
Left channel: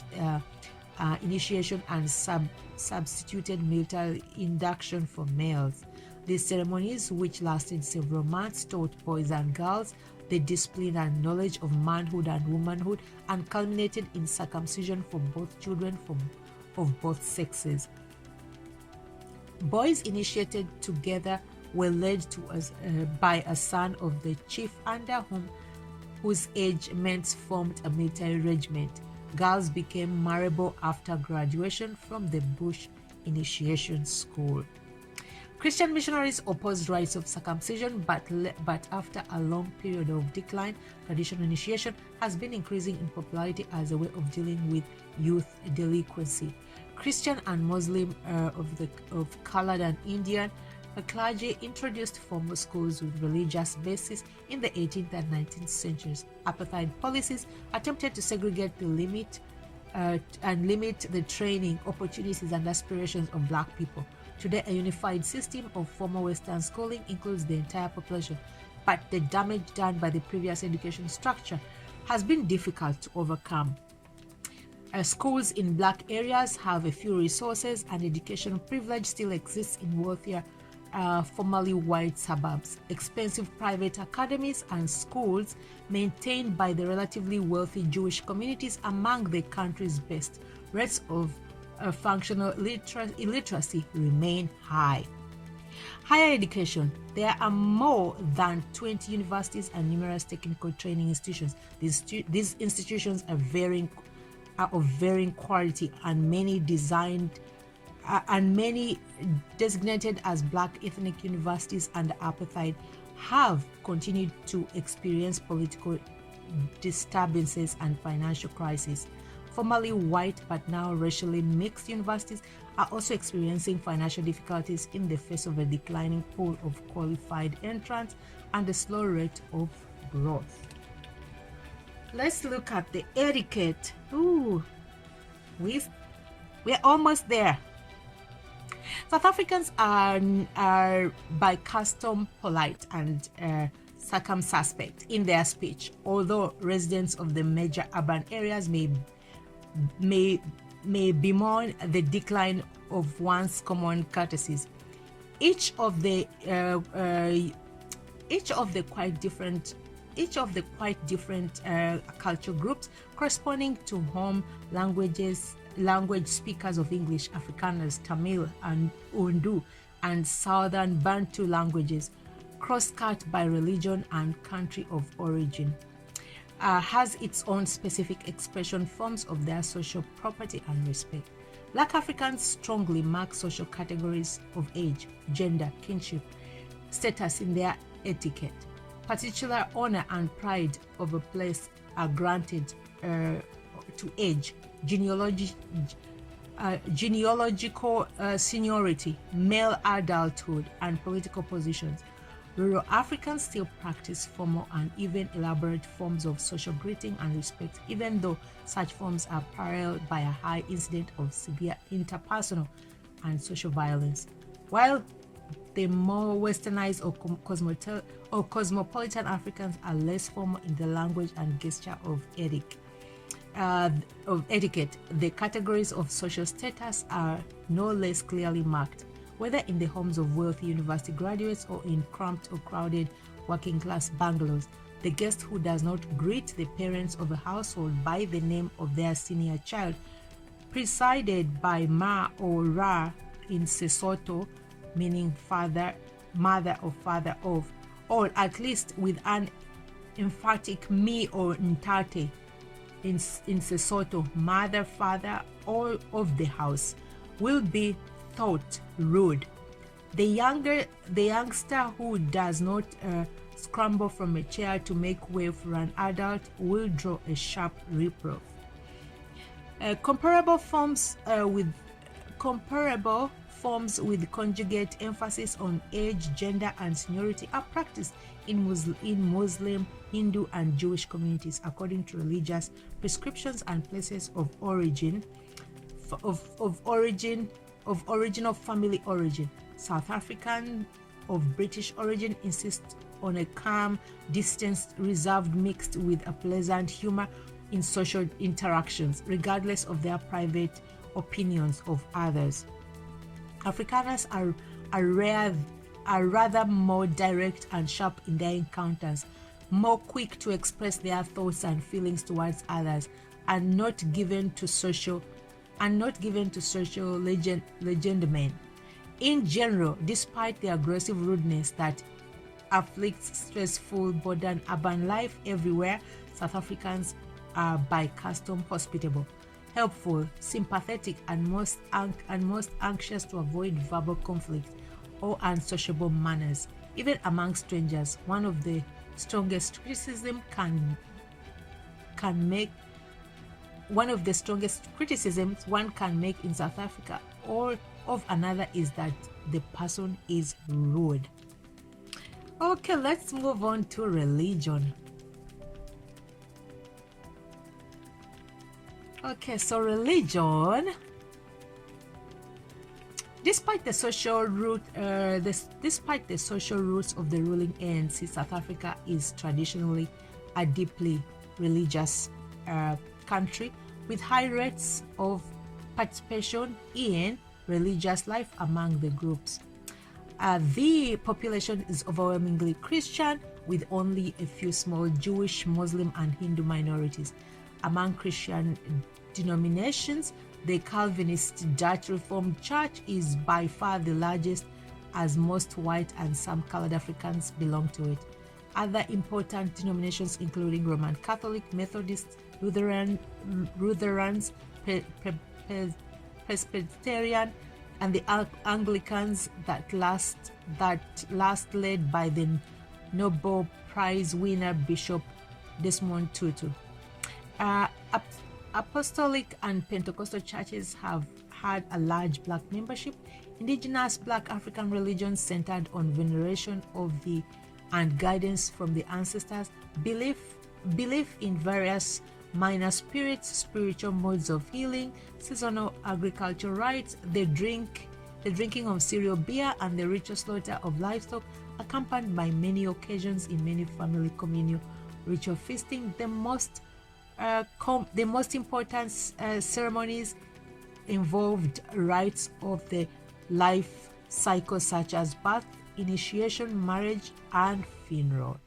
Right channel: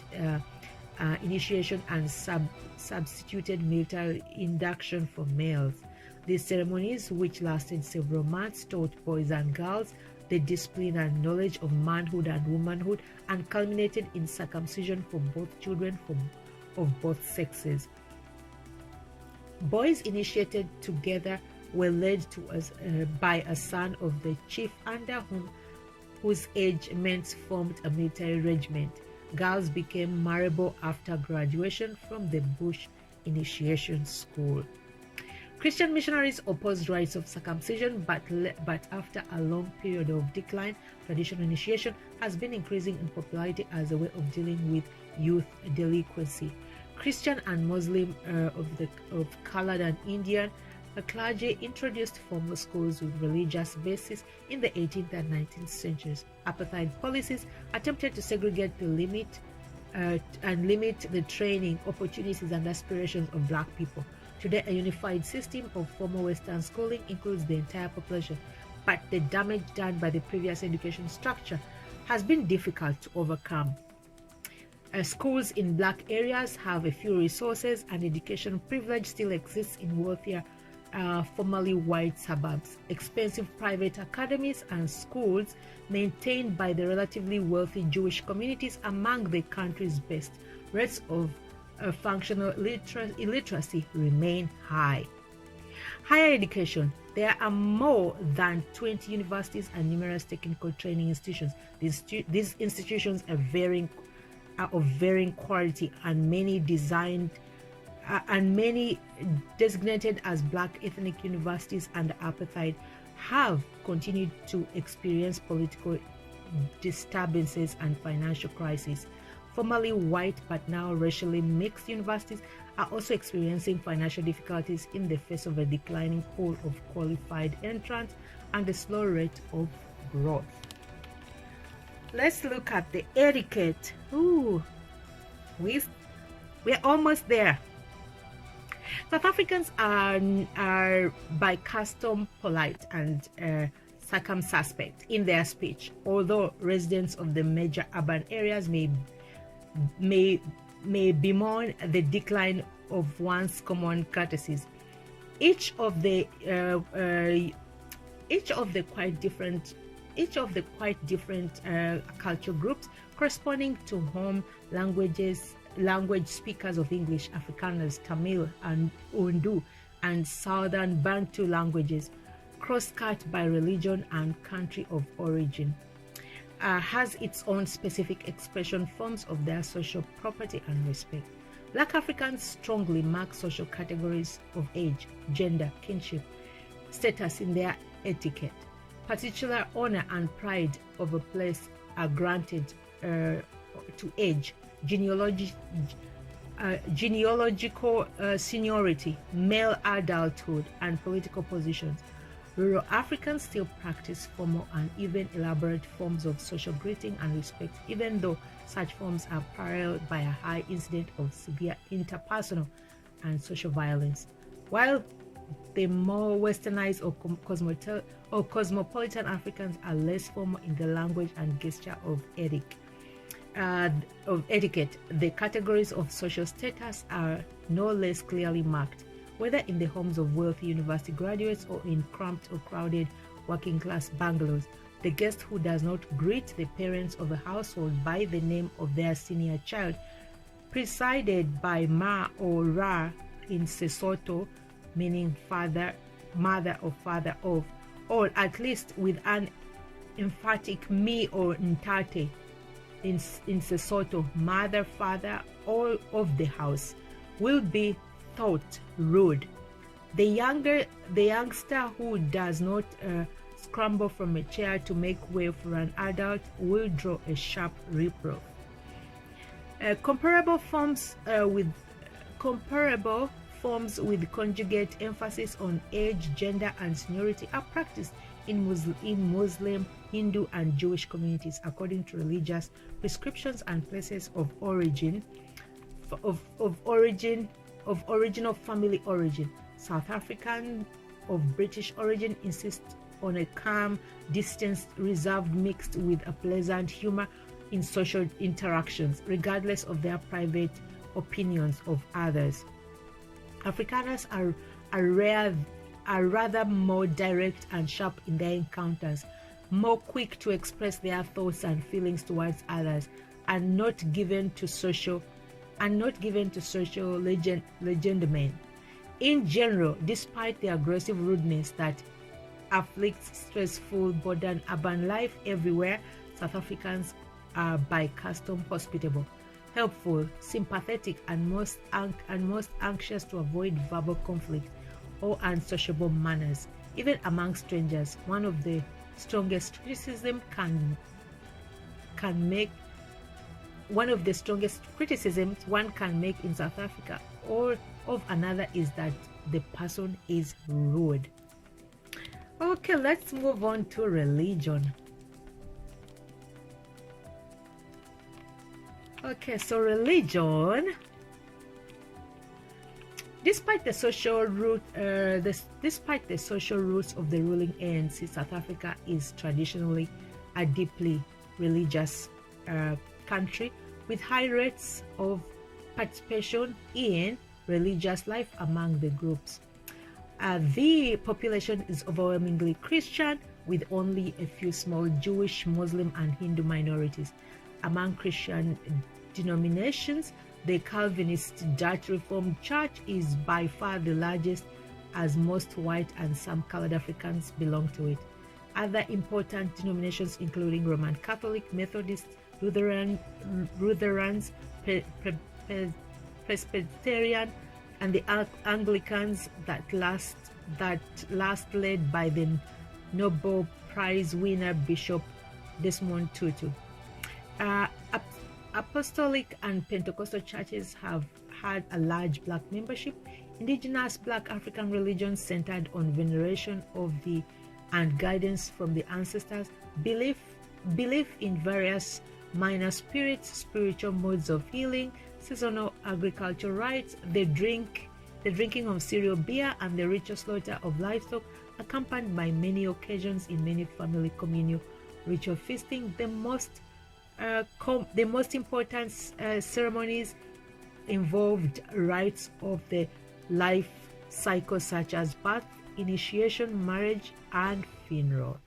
initiation and substituted military induction for males. These ceremonies, which lasted several months, taught boys and girls the discipline and knowledge of manhood and womanhood, and culminated in circumcision for both children of both sexes. Boys initiated together were led to by a son of the chief under whose age mates formed a military regiment. Girls became marriable after graduation from the Bush Initiation School. Christian missionaries opposed rites of circumcision, but after a long period of decline, traditional initiation has been increasing in popularity as a way of dealing with youth delinquency. Christian and Muslim of colored and Indian clergy introduced formal schools with religious basis in the 18th and 19th centuries. Apartheid policies attempted to segregate the limit the training, opportunities, and aspirations of Black people. Today, a unified system of formal Western schooling includes the entire population, but the damage done by the previous education structure has been difficult to overcome. Schools in Black areas have a few resources, and education privilege still exists in wealthier, formerly white suburbs. Expensive private academies and schools maintained by the relatively wealthy Jewish communities among the country's best. Rates of functional illiteracy remain high. Higher education. There are more than 20 universities and numerous technical training institutions. These institutions are of varying quality, and many designated as Black ethnic universities under apartheid have continued to experience political disturbances and financial crises. Formerly white but now racially mixed universities are also experiencing financial difficulties in the face of a declining pool of qualified entrants and a slow rate of growth. Let's look at the etiquette. We're almost there. South Africans are by custom polite and circumspect in their speech, although residents of the major urban areas may bemoan the decline of once common courtesies. Each of the quite different cultural groups corresponding to home language speakers of English, Afrikaners, Tamil, and Urdu, and Southern Bantu languages, cross-cut by religion and country of origin, has its own specific expression forms of their social property and respect. Black Africans strongly mark social categories of age, gender, kinship, status in their etiquette. Particular honor and pride of a place are granted to age, genealogical seniority, male adulthood, and political positions. Rural Africans still practice formal and even elaborate forms of social greeting and respect, even though such forms are paralleled by a high incidence of severe interpersonal and social violence. While the more westernized or cosmopolitan Africans are less formal in the language and gesture of etiquette, the categories of social status are no less clearly marked, whether in the homes of wealthy university graduates or in cramped or crowded working-class bungalows. The guest who does not greet the parents of a household by the name of their senior child, preceded by Ma or Ra in Sesotho, meaning father, mother, or father of, or at least with an emphatic Mi or Ntate in Sesotho, mother, father, all of the house, will be thought rude. The youngster who does not scramble from a chair to make way for an adult will draw a sharp reproof. Comparable forms with conjugate emphasis on age, gender, and seniority are practiced in Muslim, Hindu, and Jewish communities according to religious prescriptions and places of origin, of family origin. South African of British origin insist on a calm, distanced, reserved, mixed with a pleasant humor, in social interactions, regardless of their private opinions of others. Afrikaners are rather more direct and sharp in their encounters, more quick to express their thoughts and feelings towards others, and not given to social legitimate. In general, despite the aggressive rudeness that afflicts stressful modern urban life everywhere, South Africans are by custom hospitable, helpful, sympathetic, and most anxious to avoid verbal conflict or unsociable manners, even among strangers. One of the strongest criticisms one can make in South Africa or of another is that the person is rude. Okay, let's move on to religion. Okay, so religion, despite the social roots of the ruling ANC, South Africa is traditionally a deeply religious country with high rates of participation in religious life among the groups. The population is overwhelmingly Christian, with only a few small Jewish, Muslim, and Hindu minorities. Among Christian denominations, the Calvinist Dutch Reformed Church is by far the largest, as most white and some colored Africans belong to it. Other important denominations, including Roman Catholic, Methodists, Lutherans, Presbyterian, and the Anglicans, that last led by the Nobel Prize winner Bishop Desmond Tutu. Apostolic and Pentecostal churches have had a large black membership. Indigenous black African religions centered on veneration of the and guidance from the ancestors, belief in various minor spirits, spiritual modes of healing, seasonal agricultural rites, the drinking of cereal beer, and the ritual slaughter of livestock, accompanied by many occasions in many family communal ritual feasting. The most important ceremonies involved rites of the life cycle such as birth, initiation, marriage, and funeral.